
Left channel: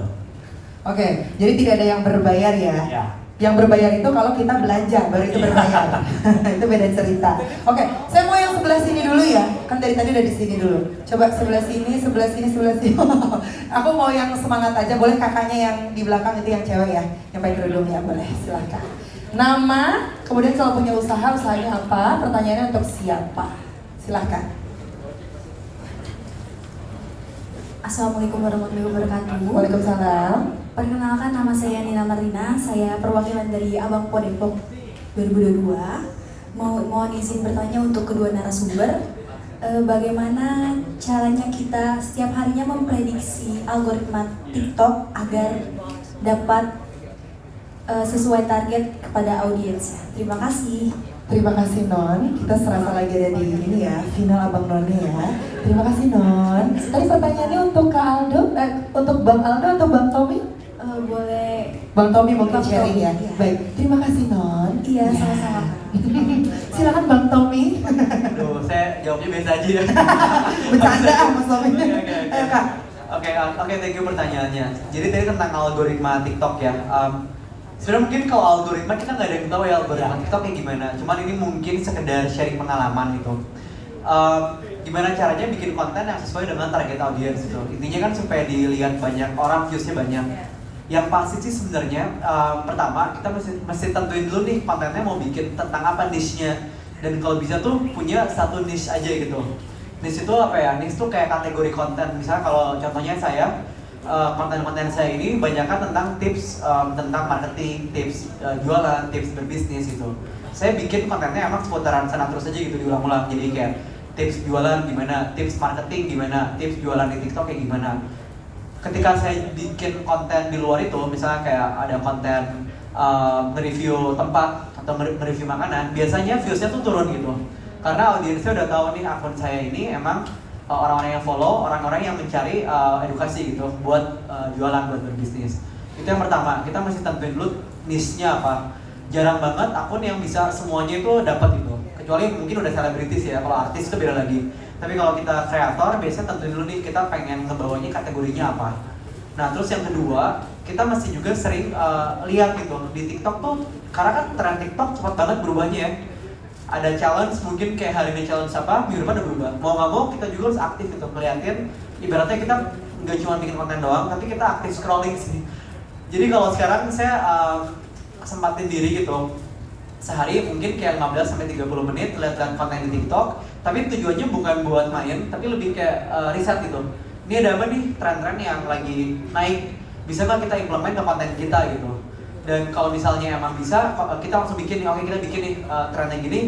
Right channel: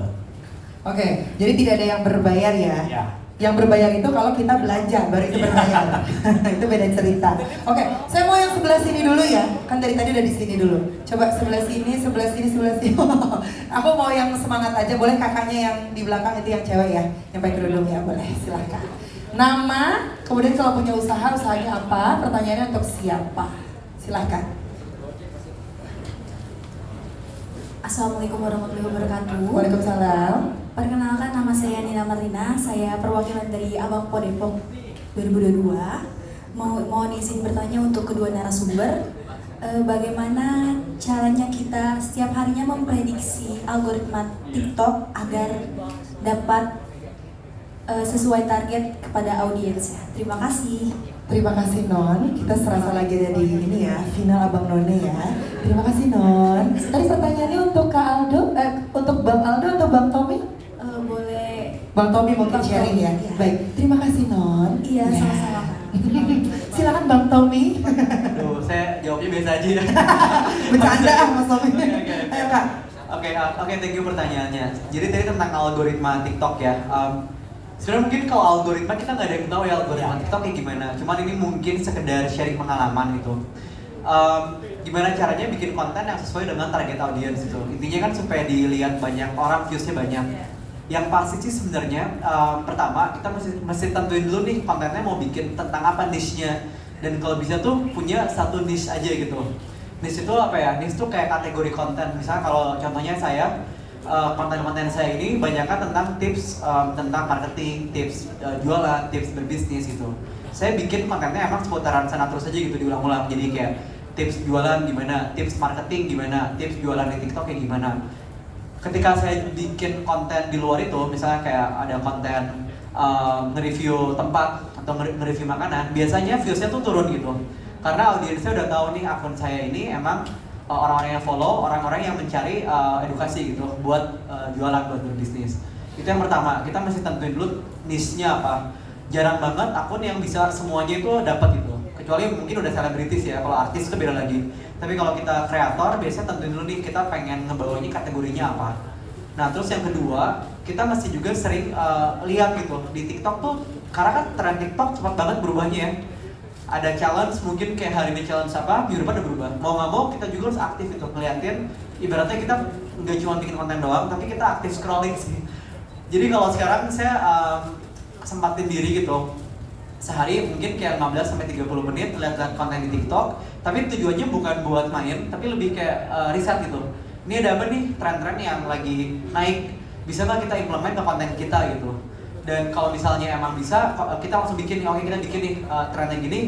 Oke, jadi tidak ada yang berbayar ya. Ya. Yang berbayar itu kalau kita belanja baru itu berbayar. Itu beda cerita. Oke, saya mau yang sebelah sini dulu ya. Kan dari tadi udah di sini dulu. Coba sebelah sini, sebelah sini, sebelah sini. Aku mau yang semangat aja. Boleh kakaknya yang di belakang itu yang cewek ya, yang pakai kerudung ya, boleh. Silahkan. Nama, kemudian kalau punya usaha, usahanya apa? Pertanyaannya untuk siapa? Silahkan. Assalamualaikum warahmatullahi wabarakatuh. Waalaikumsalam. Perkenalkan, nama saya Nina Marlina. Saya perwakilan dari Abang Po Depok 2022. Mohon izin bertanya untuk kedua narasumber. Bagaimana caranya kita setiap harinya memprediksi algoritma TikTok agar dapat sesuai target kepada audiensnya? Terima kasih. Terima kasih Non, kita serasa lagi ada di ini ya, final Abang None ya. Terima kasih Non. Tadi pertanyaannya untuk Kak Aldo, untuk Bang Aldo atau Bang Tommy? Boleh. Bang Tommy mungkin Bang sharing ya. Tommy, iya. Baik, terima kasih Non. Iya, Ya. sama-sama. Silakan Bang Tommy. Aduh, saya jawabnya biasa aja ya. Bercanda Mas Tommy. Oke. Ayo Kak. Oke, thank you pertanyaannya. Jadi tadi tentang algoritma TikTok ya. Sebenarnya mungkin kalau algoritma kita nggak ada yang tahu ya algoritma TikTok kayak gimana. Cuman ini mungkin sekedar sharing pengalaman itu. Gimana caranya bikin konten yang sesuai dengan target audience itu. Intinya kan supaya dilihat banyak orang, viewsnya banyak. Yang pasti sih sebenarnya pertama kita mesti tentuin dulu nih kontennya mau bikin tentang apa niche-nya. Dan kalau bisa tuh punya satu niche aja gitu. Niche itu apa ya? Niche tuh kayak kategori konten. Misalnya kalau contohnya saya konten-konten saya ini banyakkan tentang tips tentang marketing, tips jualan, tips berbisnis gitu. Saya bikin kontennya emang seputaran sana terus aja gitu diulang-ulang. Jadi kayak tips jualan gimana, tips marketing gimana, tips jualan di TikTok kayak gimana. Ketika saya bikin konten di luar itu, misalnya kayak ada konten nge-review tempat atau nge-review makanan, biasanya viewsnya tuh turun gitu. Karena audiensnya udah tahu nih akun saya ini emang orang-orang yang follow, orang-orang yang mencari edukasi gitu buat jualan, buat berbisnis. Itu yang pertama, kita mesti tentuin dulu niche-nya apa. Jarang banget akun yang bisa semuanya itu dapat gitu. Kecuali mungkin udah selebritis ya, kalau artis itu beda lagi. Tapi kalau kita kreator, biasanya tentuin dulu nih kita pengen ngebawanya kategorinya apa. Nah terus yang kedua, kita mesti juga sering lihat gitu di TikTok tuh, karena kan tren TikTok cepat banget berubahnya ya. Ada challenge mungkin kayak hari ini challenge apa, minggu depan udah berubah. Mau nggak mau kita juga harus aktif gitu, ngeliatin. Ibaratnya kita nggak cuma bikin konten doang, tapi kita aktif scrolling sih. Jadi kalau sekarang saya kesempatin diri gitu, sehari mungkin kayak 15-30 menit lihat-lihat konten di TikTok. Tapi tujuannya bukan buat main, tapi lebih kayak riset gitu. Ini ada apa nih tren-tren yang lagi naik, bisa nggak kita implement ke konten kita gitu. Dan kalau misalnya emang bisa, kita langsung bikin nih, oke kita bikin nih trennya gini,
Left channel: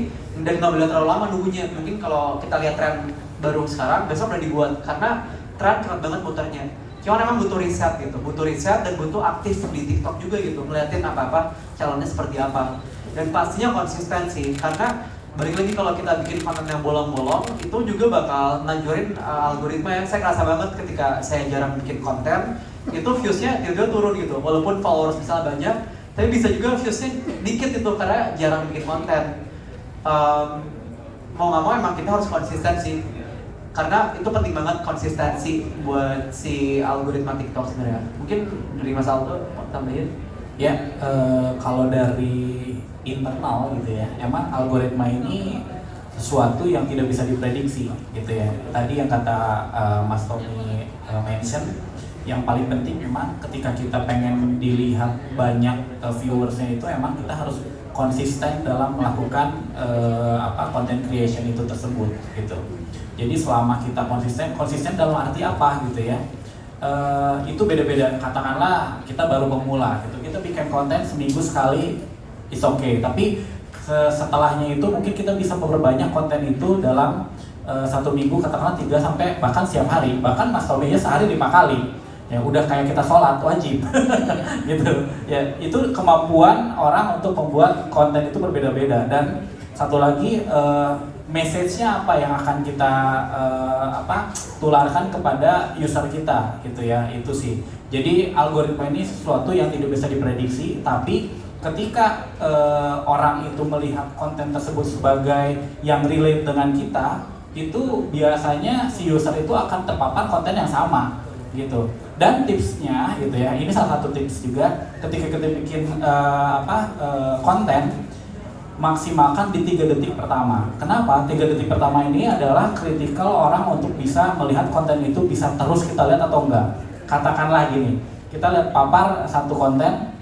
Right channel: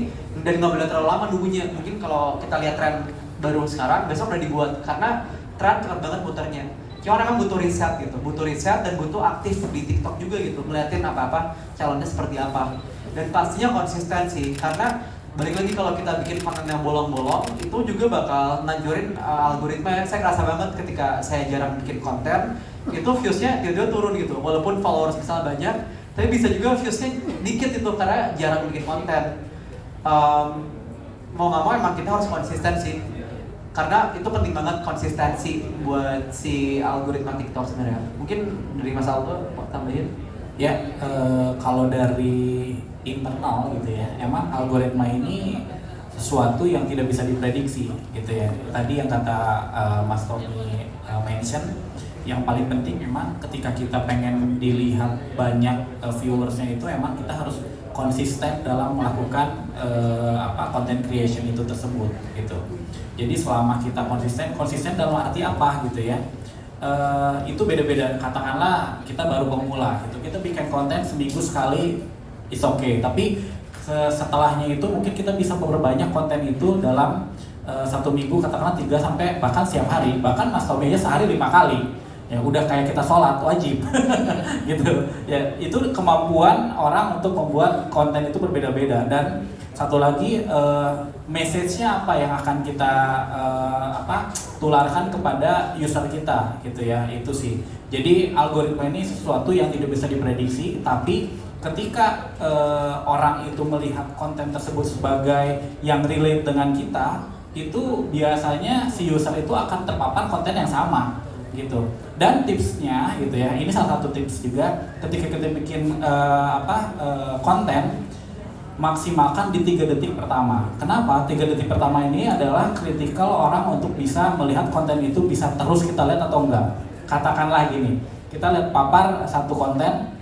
dan nggak boleh terlalu lama nunggunya. Mungkin kalau kita lihat tren baru sekarang, besok udah dibuat, karena tren cepat banget putarnya. Cuma emang butuh riset gitu, butuh riset dan butuh aktif di TikTok juga gitu, ngeliatin apa-apa, calonnya seperti apa. Dan pastinya konsistensi, karena balik lagi kalau kita bikin konten yang bolong-bolong, itu juga bakal ngancurin algoritma ya. Saya ngerasa banget ketika saya jarang bikin konten, itu viewsnya tiba-tiba turun gitu. Walaupun followers misalnya banyak, tapi bisa juga viewsnya dikit itu karena jarang bikin konten. Mau nggak mau emang kita harus konsisten sih, karena itu penting banget konsistensi buat si algoritma TikTok sebenarnya. Mungkin dari Mas Aldo tambahin? Ya, kalau dari internal gitu ya, emang algoritma ini sesuatu yang tidak bisa diprediksi gitu ya. Tadi yang kata Mas Tommy mention, yang paling penting memang ketika kita pengen dilihat banyak viewersnya itu emang kita harus konsisten dalam melakukan content creation itu tersebut gitu. Jadi selama kita konsisten dalam arti apa gitu ya? Itu beda-beda. Katakanlah kita baru pemula gitu, kita bikin konten seminggu sekali is okay, tapi setelahnya itu mungkin kita bisa memperbanyak konten itu dalam 1 minggu katakanlah 3 sampai bahkan setiap hari, bahkan Mas Tommy aja sehari 5 kali. Ya udah kayak kita sholat wajib gitu ya. Itu kemampuan orang untuk membuat konten itu berbeda-beda. Dan satu lagi message-nya apa yang akan kita tularkan kepada user kita gitu ya, itu sih. Jadi algoritma ini sesuatu yang tidak bisa diprediksi, tapi ketika orang itu melihat konten tersebut sebagai yang relate dengan kita, itu biasanya si user itu akan terpapar konten yang sama gitu. Dan tipsnya gitu ya, ini salah satu tips juga ketika kita bikin konten, maksimalkan di 3 detik pertama. Kenapa? 3 detik pertama ini adalah kritikal orang untuk bisa melihat konten itu bisa terus kita lihat atau enggak. Katakanlah gini, kita lihat papar satu konten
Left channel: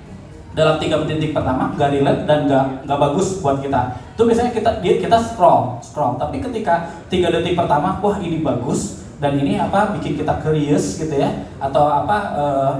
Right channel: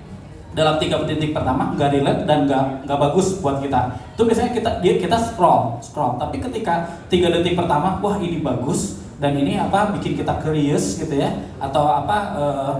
dalam 3 detik pertama nggak relate dan nggak bagus buat kita. Itu biasanya kita scroll. Tapi ketika 3 detik pertama, wah ini bagus dan ini bikin kita curious gitu ya, atau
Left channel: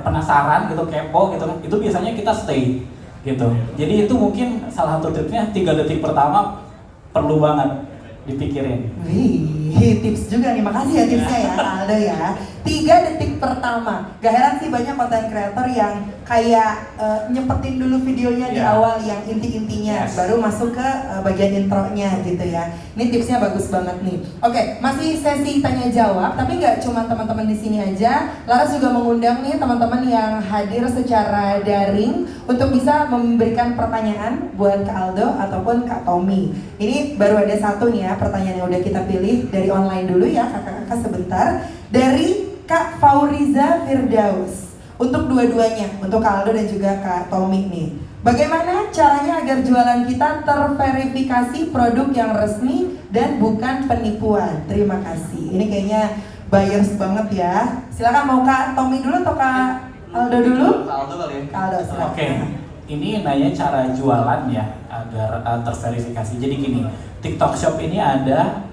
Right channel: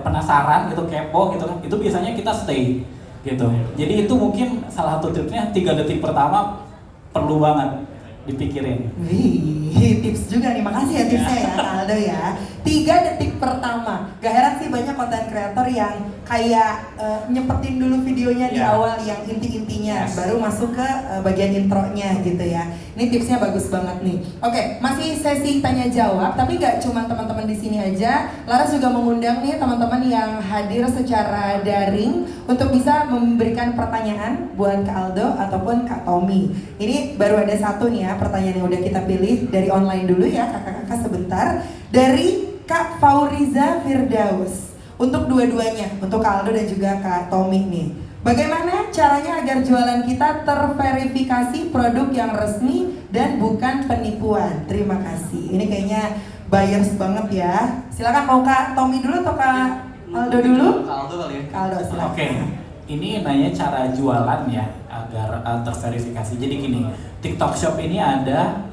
penasaran gitu, kepo gitu kan, itu biasanya kita stay gitu. Jadi itu mungkin salah satu tipsnya, 3 detik pertama perlu banget dipikirin. Wih, tips juga nih, makasih ya tipsnya ya Kak Aldo ya. 3 detik pertama, gak heran sih banyak konten kreator yang kayak nyempetin dulu videonya di awal yang inti-intinya, baru masuk ke bagian intronya gitu ya. Ini tipsnya bagus banget nih. Oke, masih sesi tanya jawab, tapi nggak cuma teman-teman di sini aja. Laras juga mengundang nih teman-teman yang hadir secara daring untuk bisa memberikan pertanyaan buat Kak Aldo ataupun Kak Tommy. Ini baru ada satu nih ya, pertanyaan yang udah kita pilih dari online dulu ya, kakak-kakak sebentar. Dari Kak Fauriza Firdaus, untuk dua-duanya, untuk Kak Aldo dan juga Kak Tommy nih. Bagaimana caranya agar jualan kita terverifikasi produk yang resmi dan bukan penipuan? Terima kasih. Ini kayaknya buyers banget ya. Silakan, mau Kak Tommy dulu atau Kak Aldo dulu? Kak Aldo kali ya. Kak Aldo, silakan. Oke. Ini nanya cara jualan ya agar terverifikasi. Jadi gini, TikTok Shop ini ada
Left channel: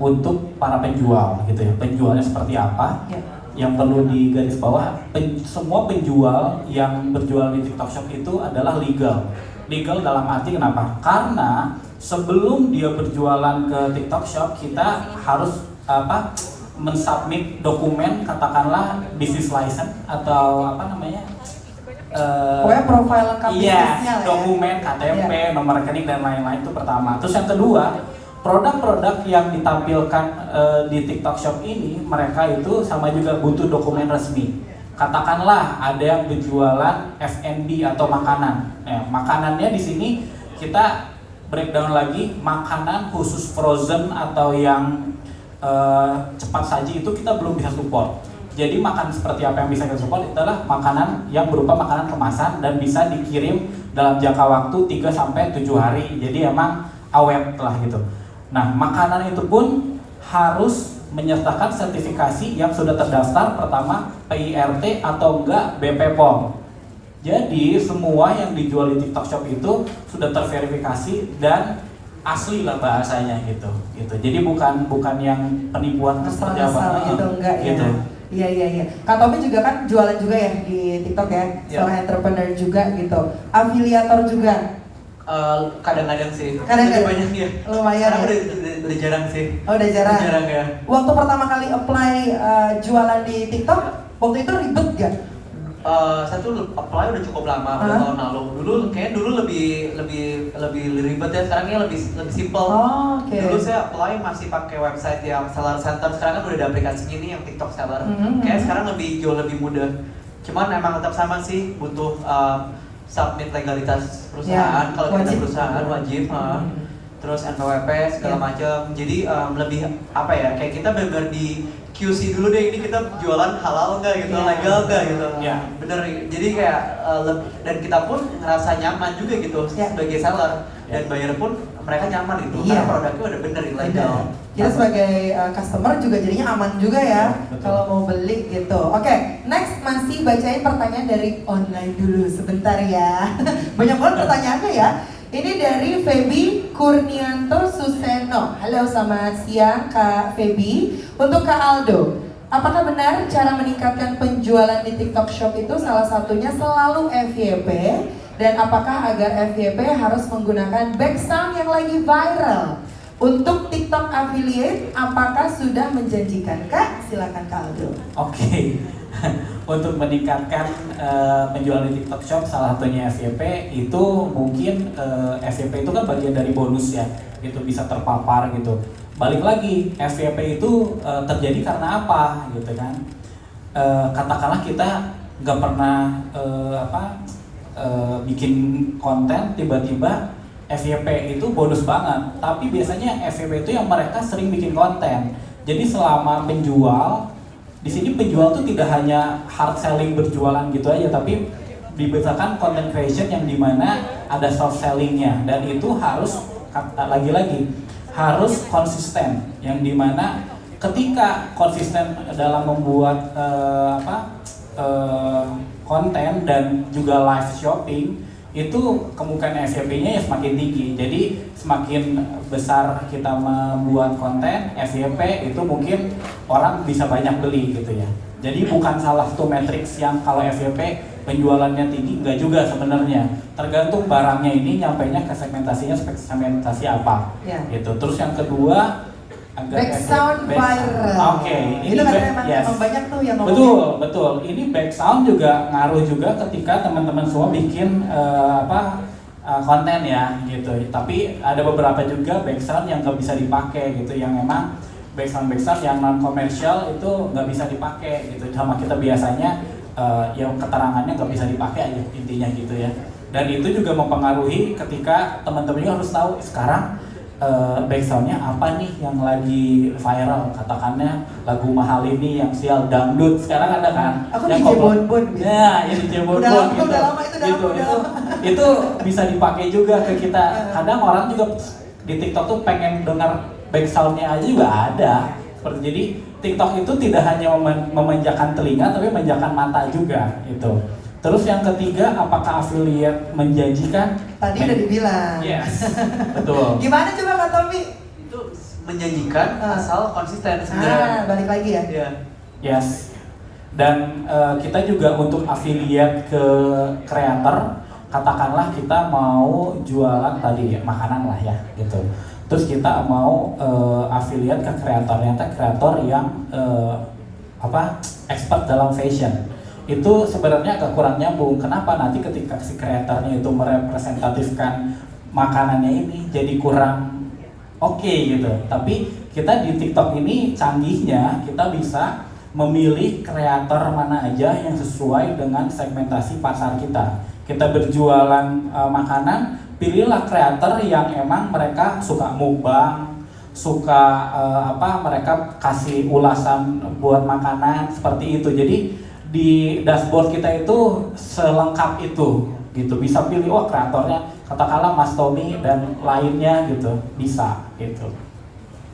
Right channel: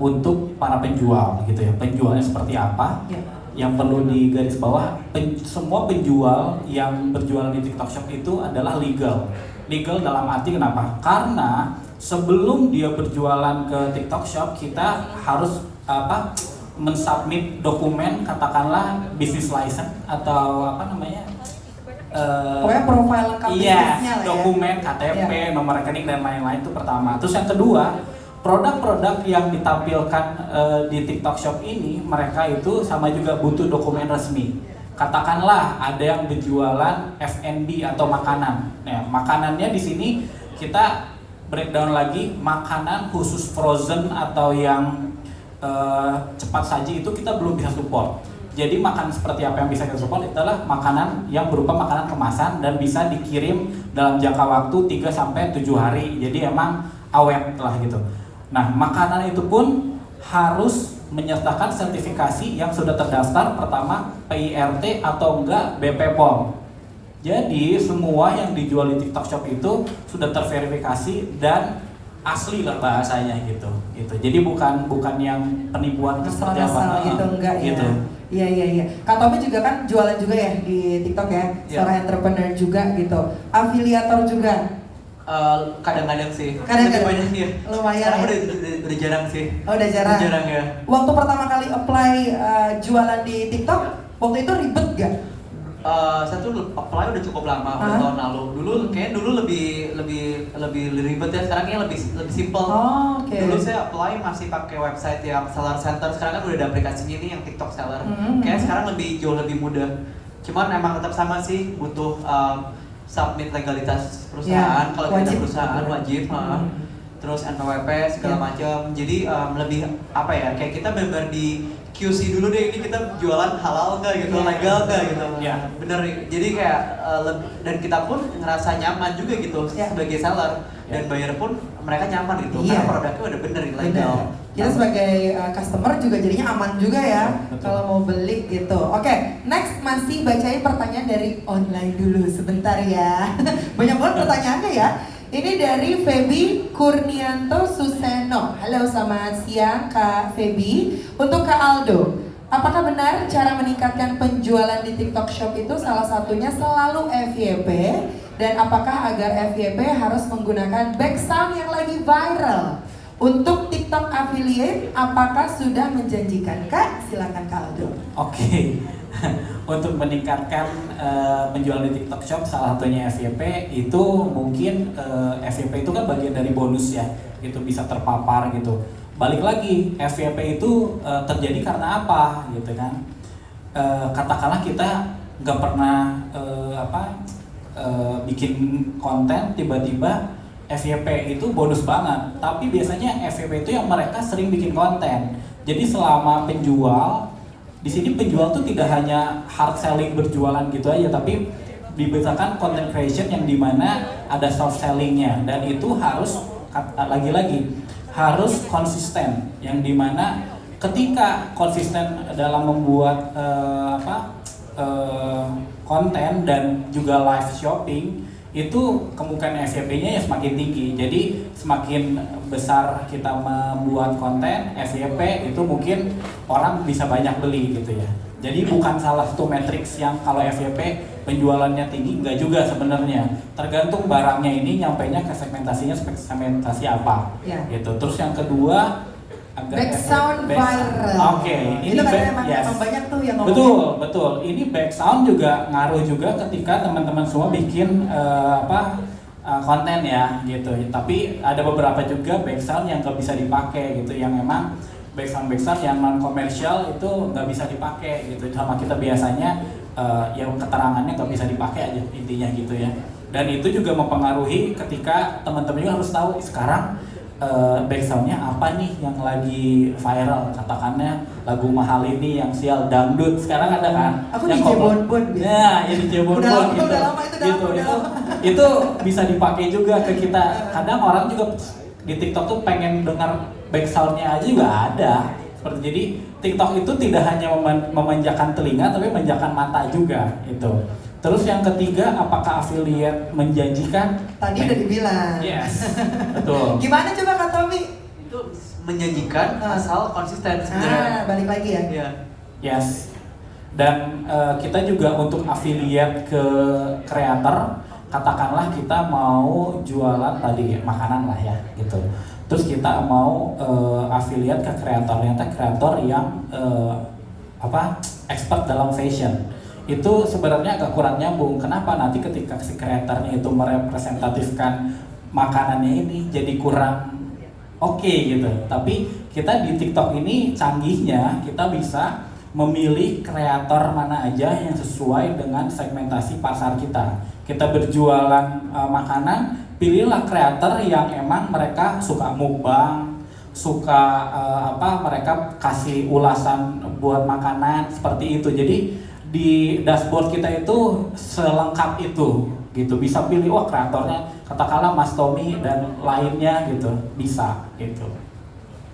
untuk para penjual gitu ya. Penjualnya seperti apa? Ya. Yang perlu digaris bawah, semua penjual yang berjual di TikTok Shop itu adalah legal. Legal dalam arti kenapa? Karena sebelum dia berjualan ke TikTok Shop, kita harus mensubmit dokumen, katakanlah business license atau pokoknya profil lengkap iya, bisnisnya lah ya. dokumen KTP, nomor rekening dan lain-lain, itu pertama. Terus yang kedua, produk-produk yang ditampilkan di TikTok Shop ini, mereka itu sama juga butuh dokumen resmi. Katakanlah ada yang berjualan F&B atau makanan. Nah, makanannya di sini kita breakdown lagi, makanan khusus frozen atau yang cepat saji itu kita belum bisa support. Jadi makanan seperti apa yang bisa kita support adalah makanan yang berupa makanan kemasan dan bisa dikirim dalam jangka waktu 3-7 hari. Jadi emang awet lah gitu. Nah, makanan itu pun harus menyertakan sertifikasi yang sudah terdaftar, pertama PIRT atau enggak BP POM. Jadi semua yang dijual di TikTok Shop itu sudah terverifikasi dan asli lah bahasanya gitu. Jadi bukan yang penipuan seperti apa gitu, enggak gitu. Ya. Iya. Kak Tommy juga kan jualan juga ya di TikTok ya, seorang entrepreneur juga gitu, afiliator juga. Kadang-kadang sih. Kadang-kadang. Banyak ya. Lumayan Sekarang ya. udah jarang sih. Oh, udah jarang. Udah jarang ya. Waktu pertama kali apply jualan di TikTok, waktu itu ribet gak? Saya tuh apply udah cukup lama, udah tahun lalu. Dulu lebih ribet ya, sekarang lebih simple. Oh, oke. Dulu saya apply masih pakai website yang seller center, sekarang kan udah ada aplikasinya nih yang TikTok seller. Kayak sekarang jauh lebih mudah. Cuman memang tetap sama sih, butuh submit legalitas perusahaan. Kalau kita perusahaan wajib. Terus NPWP segala macam. Jadi lebih kayak kita benar di QC dulu deh, ini kita jualan halal nggak gitu, legal nggak gitu. Bener. Jadi kayak dan kita pun ngerasa nyaman juga gitu sebagai seller, dan buyer pun mereka nyaman gitu karena produknya udah bener legal. Kita sebagai customer juga jadinya aman juga ya kalau mau beli gitu. Oke, next masih bacain pertanyaan dari online dulu sebentar ya. Banyak banget pertanyaannya ya. Ini dari Feby Kurnianto Suseno. Halo, selamat siang Kak Feby. Untuk Kak Aldo, apakah benar cara meningkatkan penjualan di TikTok Shop itu salah satunya selalu FYP Dan apakah agar FYP harus menggunakan background yang lagi viral? Untuk TikTok affiliate, apakah sudah menjanjikan? Kak, silakan Kak Aldo. Oke. Untuk meningkatkan penjualan di TikTok Shop, salah satunya FYP itu mungkin FYP itu kan bagian dari bonus ya, gitu bisa terpapar gitu. Balik lagi, FYP itu terjadi karena apa gitu kan? Katakanlah kita nggak pernah bikin konten, tiba-tiba FYP itu bonus banget, tapi biasanya yang FYP itu yang mereka sering bikin konten. Jadi selama penjual, di sini penjual tuh tidak hanya hard selling berjualan gitu aja, tapi dibedakan content creation yang dimana ada soft sellingnya, dan itu harus lagi-lagi harus konsisten, yang dimana ketika konsisten dalam membuat konten dan juga live shopping, itu kemungkinan FYP-nya ya semakin tinggi. Jadi semakin besar kita membuat konten, FYP itu mungkin orang bisa banyak beli gitu ya. Jadi bukan salah satu matriks yang kalau FYP penjualannya tinggi, enggak juga sebenarnya. Tergantung barangnya ini nyampainya ke segmentasi apa. Ya. Gitu. Terus yang kedua, Background viral. Oke, itu kadang emang banyak tuh yang ngomongin. Betul. Ini background juga ngaruh juga ketika teman-teman semua bikin konten ya gitu. Tapi ada beberapa juga background yang nggak bisa dipakai gitu, yang memang background yang non komersial itu nggak bisa dipakai gitu. Sama kita biasanya yang keterangannya nggak bisa dipakai aja intinya gitu ya. Dan itu juga mempengaruhi ketika teman-teman juga harus tahu sekarang backsoundnya apa nih yang lagi viral, katakannya lagu mahal ini yang sial dangdut sekarang ada kan? Aku yang DJ Bonbon. Ya, yang DJ Bonbon gitu. Itu bisa dipakai juga ke kita. Kadang orang juga di TikTok tuh pengen dengar backsoundnya aja juga ada. Jadi TikTok itu tidak hanya memanjakan telinga tapi memanjakan mata juga gitu. Terus yang ketiga, apakah affiliate menjanjikan? Tadi udah dibilang. Yes, betul. Gimana coba Kak Tommy? Itu menjanjikan asal konsisten sebenarnya. Balik lagi ya. Iya. Yes. Dan kita juga untuk affiliate ke kreator, katakanlah kita mau jualan tadi makanan lah ya, gitu. Terus kita mau affiliate ke kreator yang expert dalam fashion. Itu sebenarnya agak kurang nyambung. Kenapa? Nanti ketika si kreatornya itu merepresentatifkan makanannya ini jadi kurang oke gitu. Tapi kita di TikTok ini canggihnya kita bisa memilih kreator mana aja yang sesuai dengan segmentasi pasar kita. Kita berjualan makanan, pilihlah kreator yang emang mereka suka mukbang, suka mereka kasih ulasan buat makanan seperti itu. Jadi di dashboard kita itu selengkap itu gitu, bisa pilih kreatornya katakanlah Mas Tommy dan lainnya gitu, bisa gitu.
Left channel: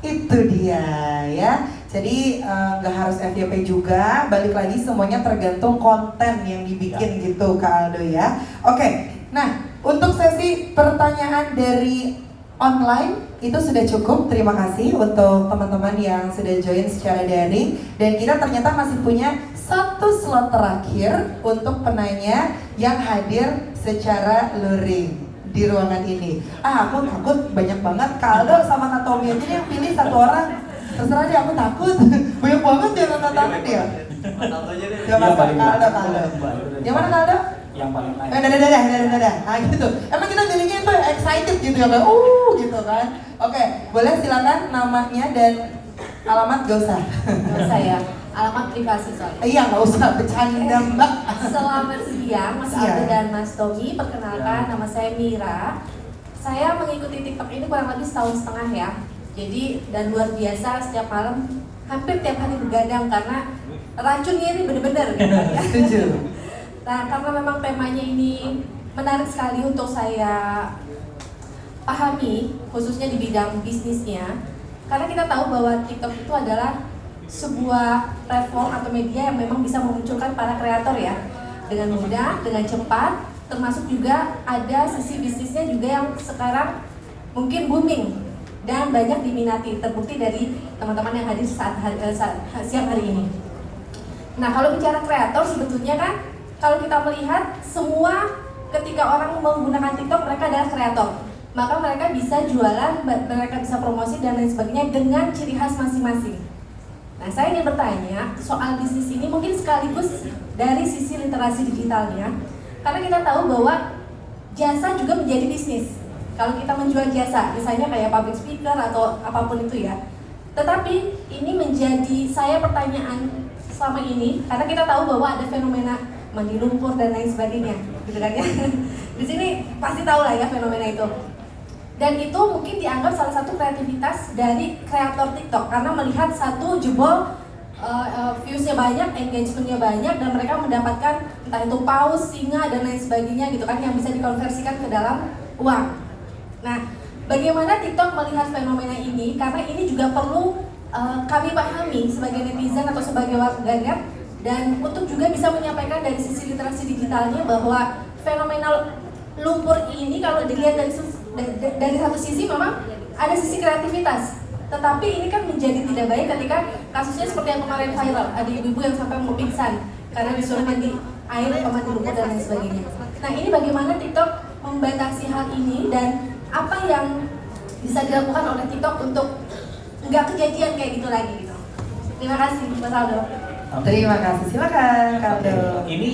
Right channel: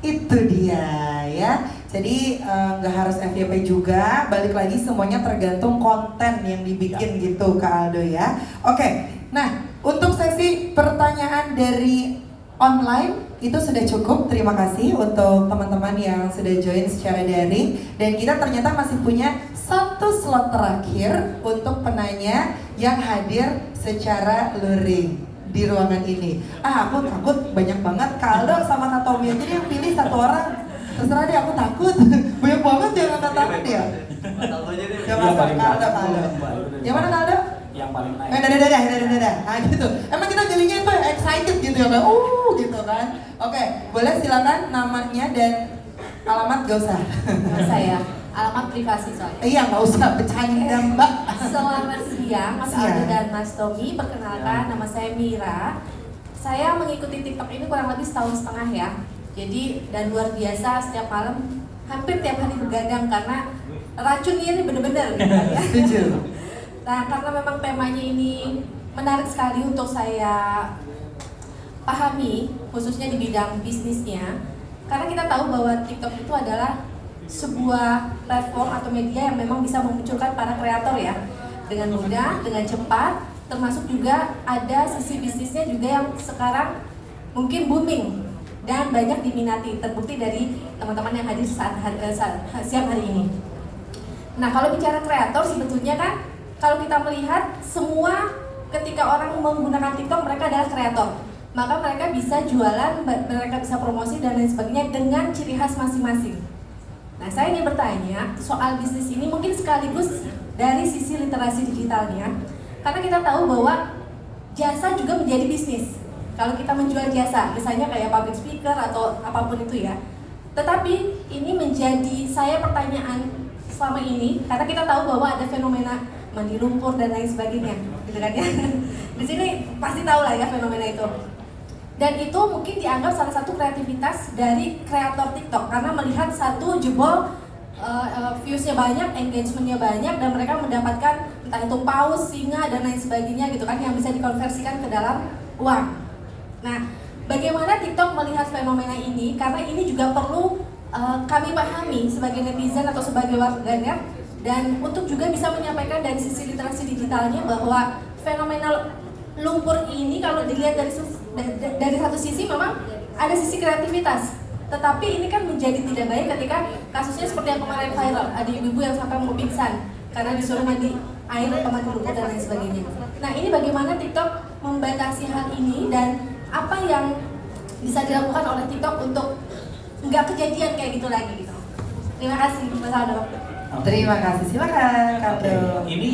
Itu dia ya. Jadi nggak harus FYP juga, balik lagi semuanya tergantung konten yang dibikin gitu Kak Aldo ya. Oke, nah untuk sesi pertanyaan dari online itu sudah cukup. Terima kasih untuk teman-teman yang sudah join secara daring, dan kita ternyata masih punya satu slot terakhir untuk penanya yang hadir secara luring di ruangan ini. Aku takut banyak banget Kak Aldo sama Kak Tommy aja yang pilih satu orang. Terserah deh, aku takut. Banyak banget jangan Kak takut ya. Coba Kak Aldo. Yang mana Kak Aldo? Yang paling naik. Dadah. Nah gitu. Emang kita jadinya itu excited gitu ya, kayak gitu kan. Oke, boleh silakan namanya dan alamat, gak usah. Saya alamat privasi soalnya. Iya, nggak usah bercanda Mbak. Selamat siang Mas Aldo dan Mas Tommy. Perkenalkan, nama saya Mira. Saya mengikuti TikTok ini kurang lebih setahun setengah ya. Jadi dan luar biasa, setiap malam hampir tiap hari begadang karena racunnya ini bener-bener gitu ya. Setuju. Nah, karena memang temanya ini menarik sekali untuk saya pahami, khususnya di bidang bisnisnya. Karena kita tahu bahwa TikTok itu adalah sebuah platform atau media yang memang bisa memunculkan para kreator ya, dengan mudah, dengan cepat, termasuk juga ada sisi bisnisnya juga yang sekarang mungkin booming dan banyak diminati, terbukti dari teman-teman yang hadir siang hari ini. Nah, kalau bicara kreator sebetulnya kan kalau kita melihat semua ketika orang menggunakan TikTok mereka adalah kreator, maka mereka bisa jualan, mereka bisa promosi dan lain sebagainya dengan ciri khas masing-masing. Nah, saya ingin bertanya soal bisnis ini mungkin sekaligus dari sisi literasi digitalnya, karena kita tahu bahwa jasa juga menjadi bisnis. Kalau kita menjual jasa, misalnya kayak public speaker atau apapun itu ya. Tetapi ini menjadi saya pertanyaan selama ini, karena kita tahu bahwa ada fenomena mandi lumpur dan lain sebagainya, gitu kan ya. Di sini pasti tahu lah ya fenomena itu. Dan itu mungkin dianggap salah satu kreativitas dari kreator TikTok karena melihat satu jebol views-nya banyak, engagement-nya banyak, dan mereka mendapatkan entah itu paus, singa, dan lain sebagainya gitu kan yang bisa dikonversikan ke dalam uang. Nah, bagaimana TikTok melihat fenomena ini? Karena ini juga perlu kami pahami sebagai netizen atau sebagai warganet, dan untuk juga bisa menyampaikan dari sisi literasi digitalnya bahwa fenomena lumpur ini kalau dilihat dari satu sisi memang ada sisi kreativitas. Tetapi ini kan menjadi tidak baik ketika kasusnya seperti yang kemarin viral, ada ibu-ibu yang sampai mau pingsan karena disuruh mandi air, mandi lumpur dan lain sebagainya. Nah, ini bagaimana TikTok membatasi hal ini dan apa yang bisa dilakukan oleh TikTok untuk nggak kejadian kayak gitu lagi gitu. Terima kasih Mas Aldo. Terima kasih, silakan Kak Aldo. Ini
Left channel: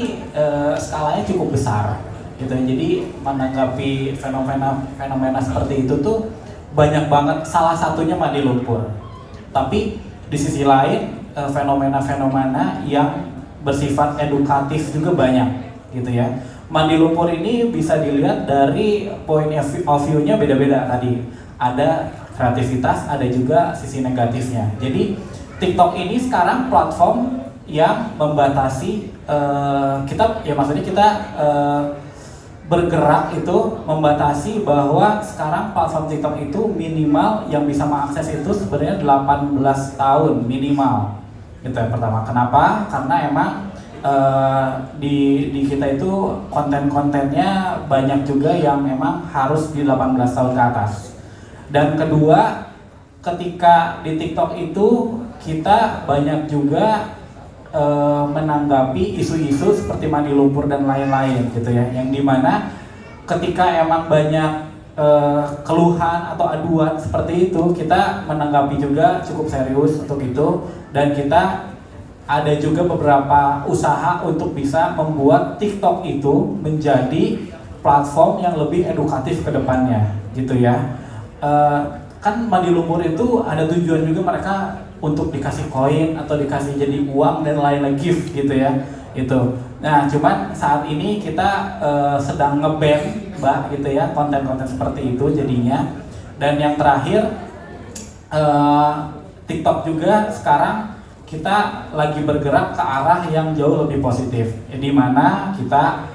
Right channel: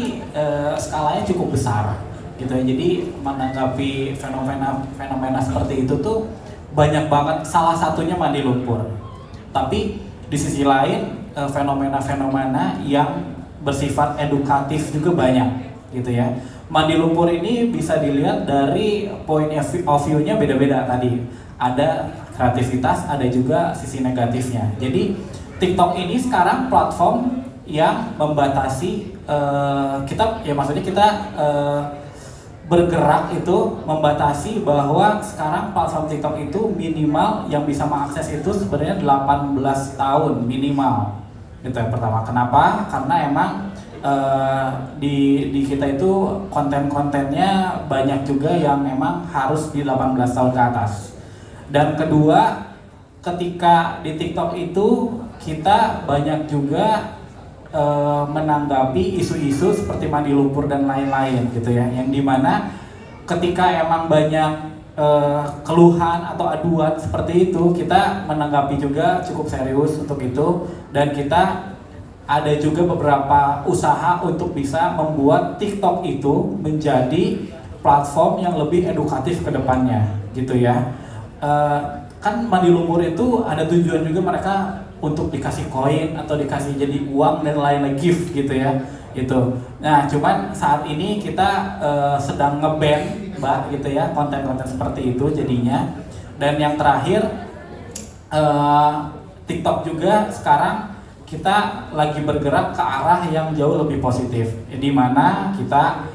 skalanya cukup besar gitu ya. Jadi menanggapi fenomena seperti itu tuh banyak banget, salah satunya mandi lumpur. Tapi di sisi lain fenomena-fenomena yang bersifat edukatif juga banyak gitu ya. Mandi lumpur ini bisa dilihat dari point of view-nya beda-beda tadi. Ada kreativitas, ada juga sisi negatifnya. Jadi TikTok ini sekarang platform yang membatasi kita, ya maksudnya kita bergerak itu membatasi bahwa sekarang platform TikTok itu minimal yang bisa mengakses itu sebenarnya 18 tahun minimal. Itu yang pertama. Kenapa? Karena emang di kita itu konten-kontennya banyak juga yang memang harus di 18 tahun ke atas. Dan kedua, ketika di TikTok itu kita banyak juga menanggapi isu-isu seperti mandi lumpur dan lain-lain gitu ya, yang dimana ketika emang banyak keluhan atau aduan seperti itu, kita menanggapi juga cukup serius untuk itu, dan kita ada juga beberapa usaha untuk bisa membuat TikTok itu menjadi platform yang lebih edukatif ke depannya gitu ya. Kan mandi lumpur itu ada tujuan juga mereka untuk dikasih koin atau dikasih jadi uang dan lain-lain, gift gitu ya itu. Nah, cuman saat ini kita sedang nge-ban Mbak gitu ya konten-konten seperti itu jadinya. Dan yang terakhir TikTok juga sekarang kita lagi bergerak ke arah yang jauh lebih positif, di mana kita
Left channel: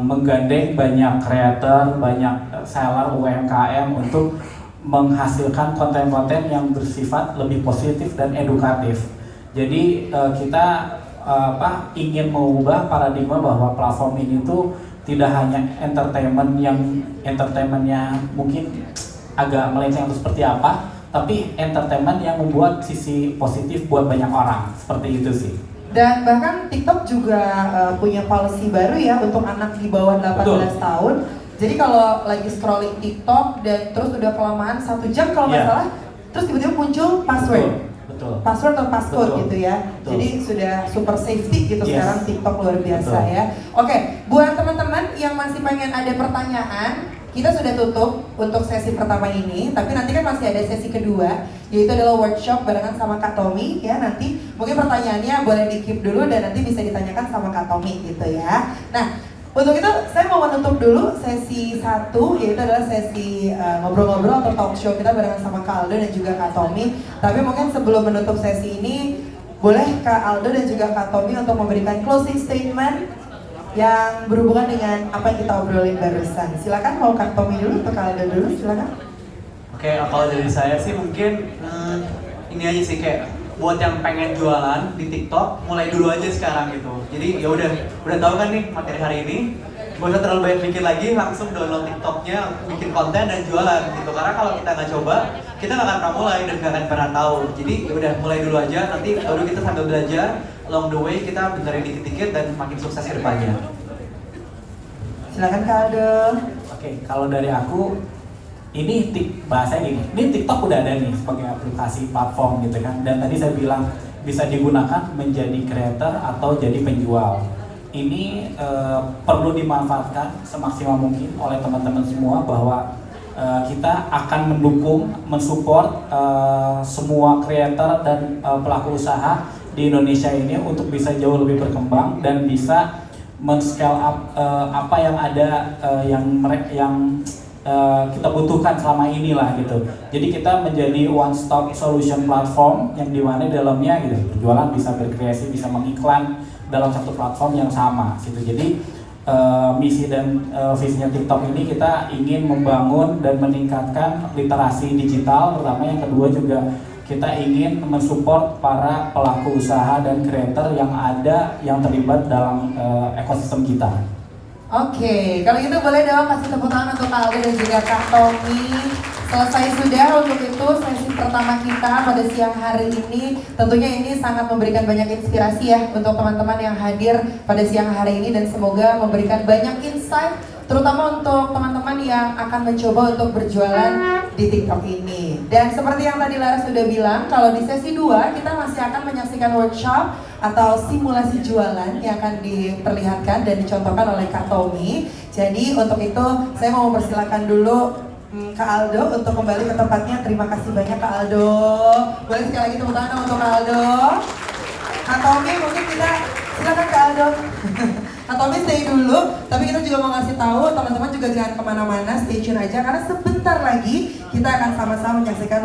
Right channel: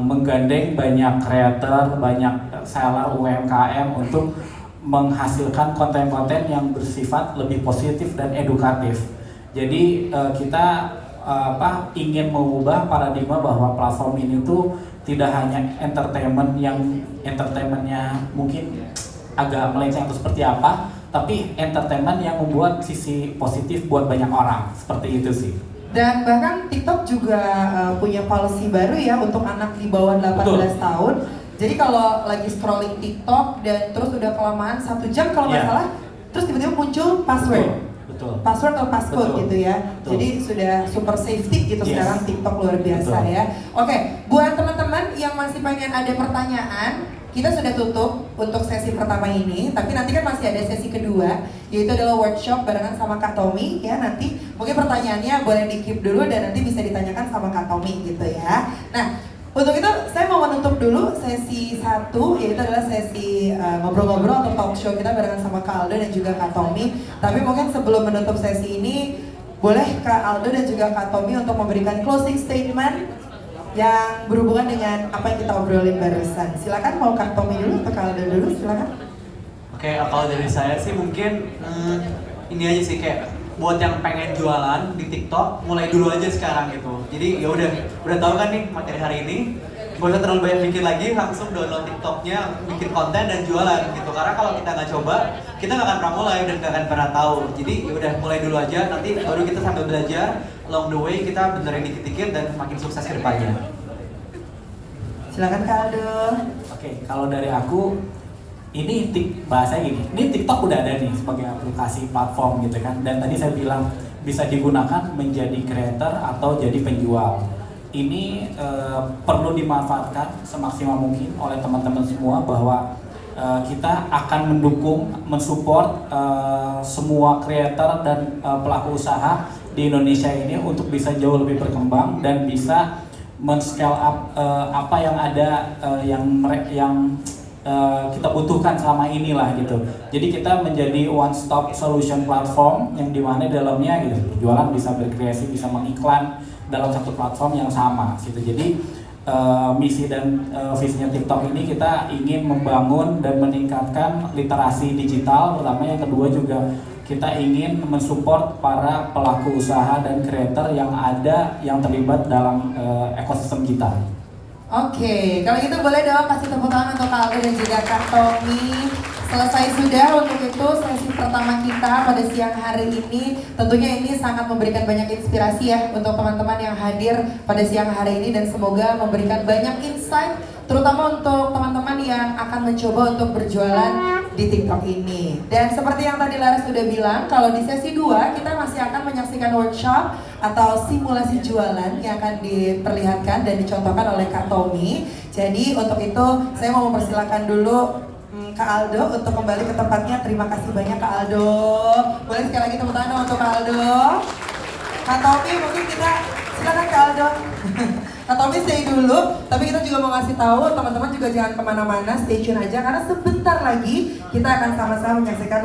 menggandeng banyak creator, banyak seller UMKM untuk menghasilkan konten-konten yang bersifat lebih positif dan edukatif. Jadi kita ingin mengubah paradigma bahwa platform ini tuh tidak hanya entertainmentnya mungkin agak melenceng itu seperti apa, tapi entertainment yang membuat sisi positif buat banyak orang, seperti itu sih. Dan bahkan TikTok juga punya policy baru ya untuk anak di bawah 18 Betul. tahun. Jadi kalau lagi scrolling TikTok dan terus udah kelamaan 1 jam kalau nggak salah, terus tiba-tiba muncul password. Betul. Password atau passcode Betul. gitu ya. Betul. Jadi sudah super safety gitu sekarang TikTok, luar biasa. Betul. Ya. Oke, buat teman-teman yang masih pengen ada pertanyaan, kita sudah tutup untuk sesi pertama ini, tapi nanti kan masih ada sesi kedua, yaitu adalah workshop barengan sama Kak Tommy ya. Nanti mungkin pertanyaannya boleh di-keep dulu dan nanti bisa ditanyakan sama Kak Tommy gitu ya. Nah, untuk itu saya mau menutup dulu sesi 1, yaitu adalah sesi ngobrol-ngobrol atau talk show kita barengan sama Kak Aldo dan juga Kak Tommy. Tapi mungkin sebelum menutup sesi ini, boleh Kak Aldo dan juga Kak Tommy untuk memberikan closing statement yang berhubungan dengan apa yang kita obrolin barusan. Silakan, mau Kak Tommy dulu atau Kak Aldo dulu, silakan. Oke, kalau dari saya sih mungkin ini aja sih, kayak buat yang pengen jualan di TikTok, mulai dulu aja sekarang gitu. Jadi ya udah tahu kan nih materi hari ini, gak usah terlalu banyak mikir lagi, langsung download TikToknya, bikin konten dan jualan gitu. Karena kalau kita nggak coba, kita nggak akan pernah mulai dan nggak akan pernah tahu. Jadi ya udah mulai dulu aja, nanti baru kita sambil belajar, along the way kita benerin dikit-dikit dan makin sukses ke depannya. Silakan Kak Aldo. Oke, kalau dari aku ini bahasanya gini, ini TikTok udah ada nih sebagai aplikasi platform gitu kan. Dan tadi saya bilang bisa digunakan menjadi creator atau jadi penjual. Ini perlu dimanfaatkan semaksimal mungkin oleh teman-teman semua bahwa kita akan mendukung, mensupport semua creator dan pelaku usaha di Indonesia ini untuk bisa jauh lebih berkembang dan bisa men-scale up apa yang ada yang kita butuhkan selama inilah gitu. Jadi kita menjadi one stop solution platform yang dimana dalamnya gitu berjualan bisa berkreasi, bisa mengiklan dalam satu platform yang sama gitu. Jadi misi dan visinya TikTok ini kita ingin membangun dan meningkatkan literasi digital pertama, yang kedua juga kita ingin mensupport para pelaku usaha dan creator yang ada yang terlibat dalam ekosistem kita. Oke, kalau gitu boleh dong kasih tepuk tangan untuk Kak Aldo dan juga Kak Tommy. Selesai sudah untuk itu sesi pertama kita pada siang hari ini. Tentunya ini sangat memberikan banyak inspirasi ya untuk teman-teman yang hadir pada siang hari ini dan semoga memberikan banyak insight terutama untuk teman-teman yang akan mencoba untuk berjualan di TikTok ini. Dan seperti yang tadi Laras sudah bilang, kalau di sesi 2 kita masih akan menyaksikan workshop atau simulasi jualan yang akan diperlihatkan dan dicontohkan oleh Kak Tommy. Jadi untuk itu saya mau mempersilakan dulu Kak Aldo untuk kembali ke tempatnya. Terima kasih banyak Kak Aldo. Boleh sekali lagi tepuk tangan untuk Kak Aldo. Kak Tommy mungkin kita silakan Kak Aldo. Kak Tommy stay dulu, tapi kita juga mau ngasih tahu teman-teman juga jangan kemana-mana, stay tune aja karena sebentar lagi kita akan sama-sama menyaksikan